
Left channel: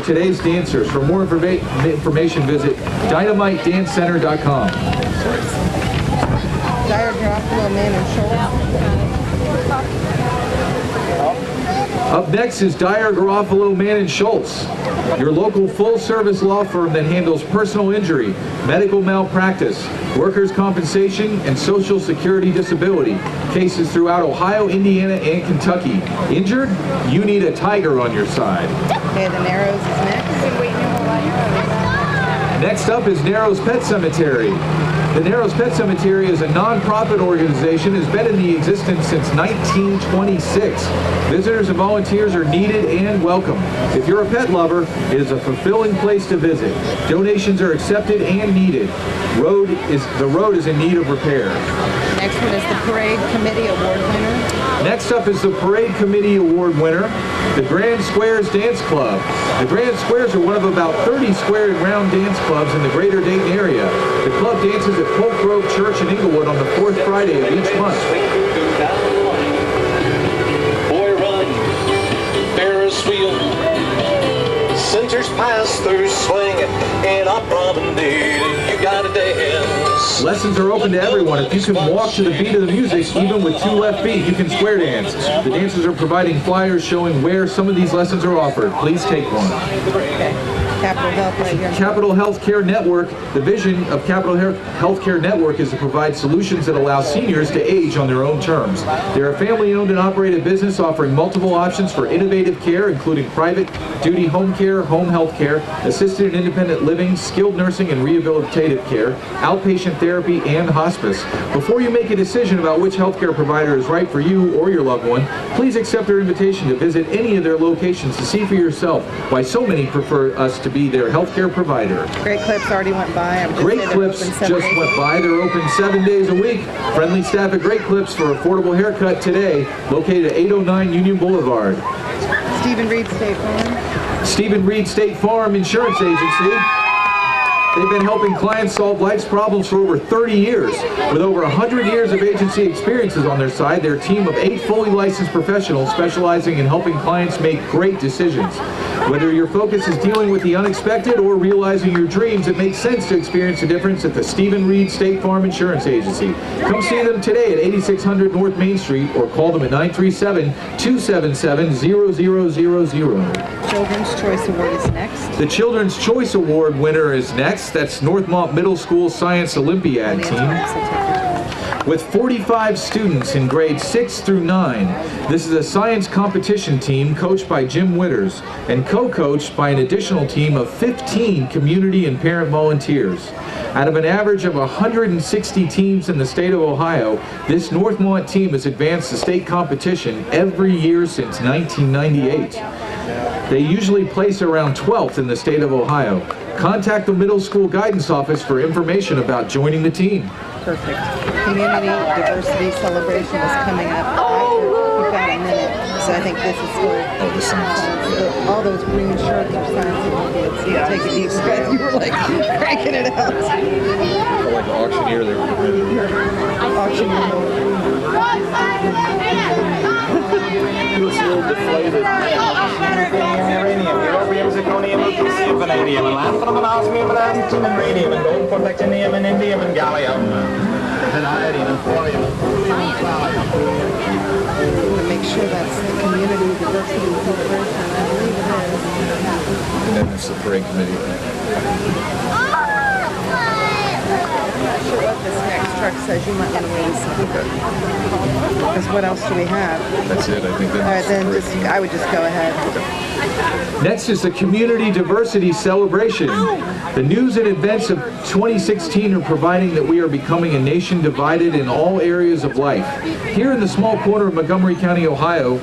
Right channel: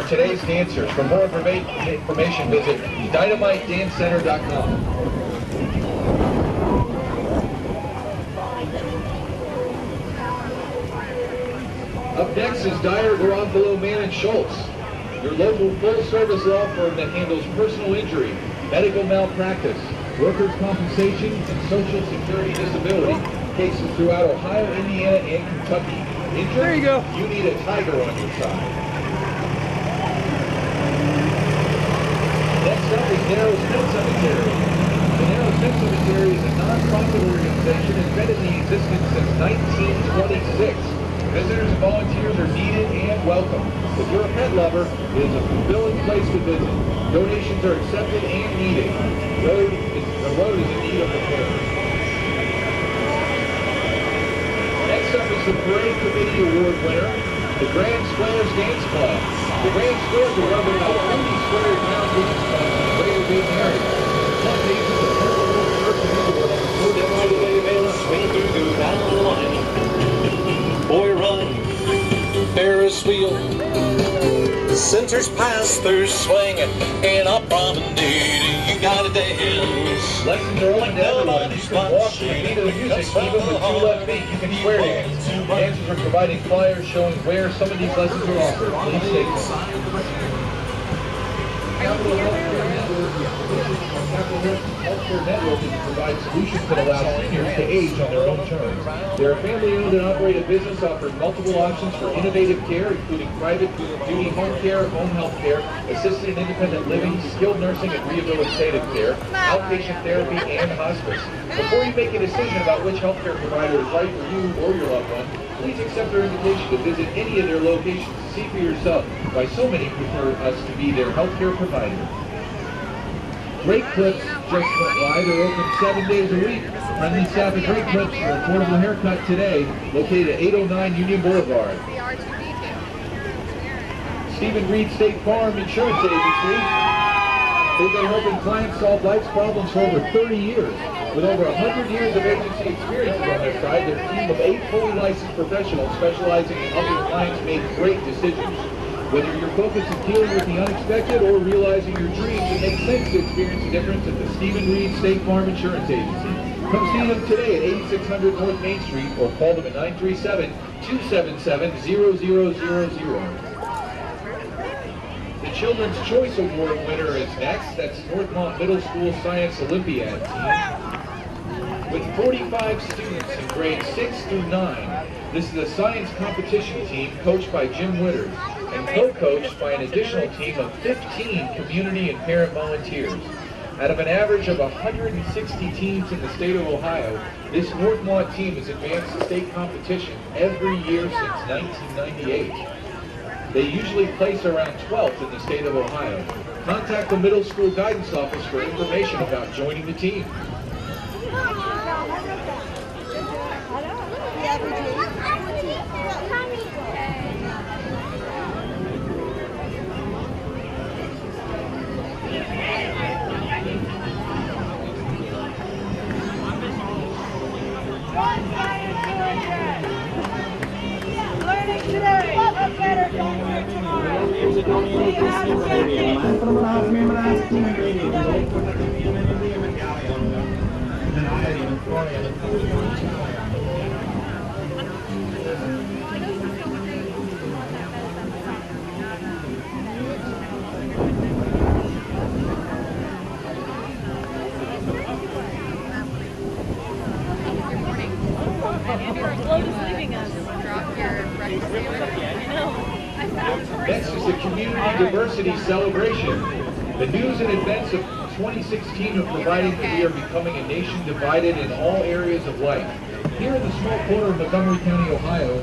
today's dancers. For more information, visit dynamiteddancecenter.com. Dyer Garofalo, Man and Schultz. Up next is Dyer Garofalo, Man and Schultz, your local full-service law firm that handles personal injury, medical malpractice, workers' compensation, and social security disability cases throughout Ohio, Indiana, and Kentucky. Injured? You need a tiger on your side. Okay, the Narrows is next. Next up is Narrows Pet Cemetery. The Narrows Pet Cemetery is a non-profit organization that has been in existence since 1926. Visitors and volunteers are needed and welcome. If you're a pet lover, it is a fulfilling place to visit. Donations are accepted and needed. The road is in need of repair. Next one is the Parade Committee Award winner. Next up is the Parade Committee Award winner, the Grand Squares Dance Club. The Grand Squares are one of about 30 square round dance clubs in the greater Dayton area. The club dances at Polk Grove Church in Englewood on the fourth Friday of each month. Boy, run, Ferris wheel. Centers pass through swinging and up promenade. You gotta dance. Lessons are open to everyone. If you can walk to the beat of the music, even with 2 left feet, you can square dance. The dancers are providing flyers showing where some of these lessons are offered. Please take one. Capital Healthcare Network. The vision of Capital Healthcare Network is to provide solutions that allow seniors to age on their own terms. They are a family-owned and operated business offering multiple options for innovative care, including private duty home care, home health care, assisted and independent living, skilled nursing and rehabilitative care, outpatient therapy, and hospice. Before you make a decision about which healthcare provider is right for you or your loved one, please accept their invitation to visit any of their locations to see for yourself why so many prefer us to be their healthcare provider. Great Clips already went by. Great Clips just went by. They're open 7 days a week. Friendly staff at Great Clips for affordable haircut today, located at 809 Union Boulevard. Stephen Reed State Farm. Stephen Reed State Farm Insurance Agency. They've been helping clients solve life's problems for over 30 years. With over 100 years of agency experiences on their side, their team of 8 fully licensed professionals specializing in helping clients make great decisions. Whether your focus is dealing with the unexpected or realizing your dreams, it makes sense to experience a difference at the Stephen Reed State Farm Insurance Agency. Come see them today at 8600 North Main Street or call them at 937-277-0000. Children's Choice Award is next. The Children's Choice Award winner is next. That's Northmont Middle School Science Olympiad team. With 45 students in grades 6 through 9, this is a science competition team coached by Jim Witters and co-coached by an additional team of 15 community and parent volunteers. Out of an average of 160 teams in the state of Ohio, this Northmont team has advanced the state competition every year since 1998. They usually place around 12th in the state of Ohio. Contact the middle school guidance office for information about joining the team. Perfect. Community Diversity Celebration is coming up. We've got a minute, so I think this is what all those green shirts are signs. So you take a deep breath. You were like cranking it out. Like auctioneer, they were Make sure that's the Community Diversity Celebration. I believe it is. and then it's the parade committee. I'm not sure what this next truck says. You might want to wait and see. Because what else do we have? That's it, I think. All right, then I would just go ahead. Next is the Community Diversity Celebration. The news and events of 2016 are providing that we are becoming a nation divided in all areas of life. Here in the small corner of Montgomery County, Ohio,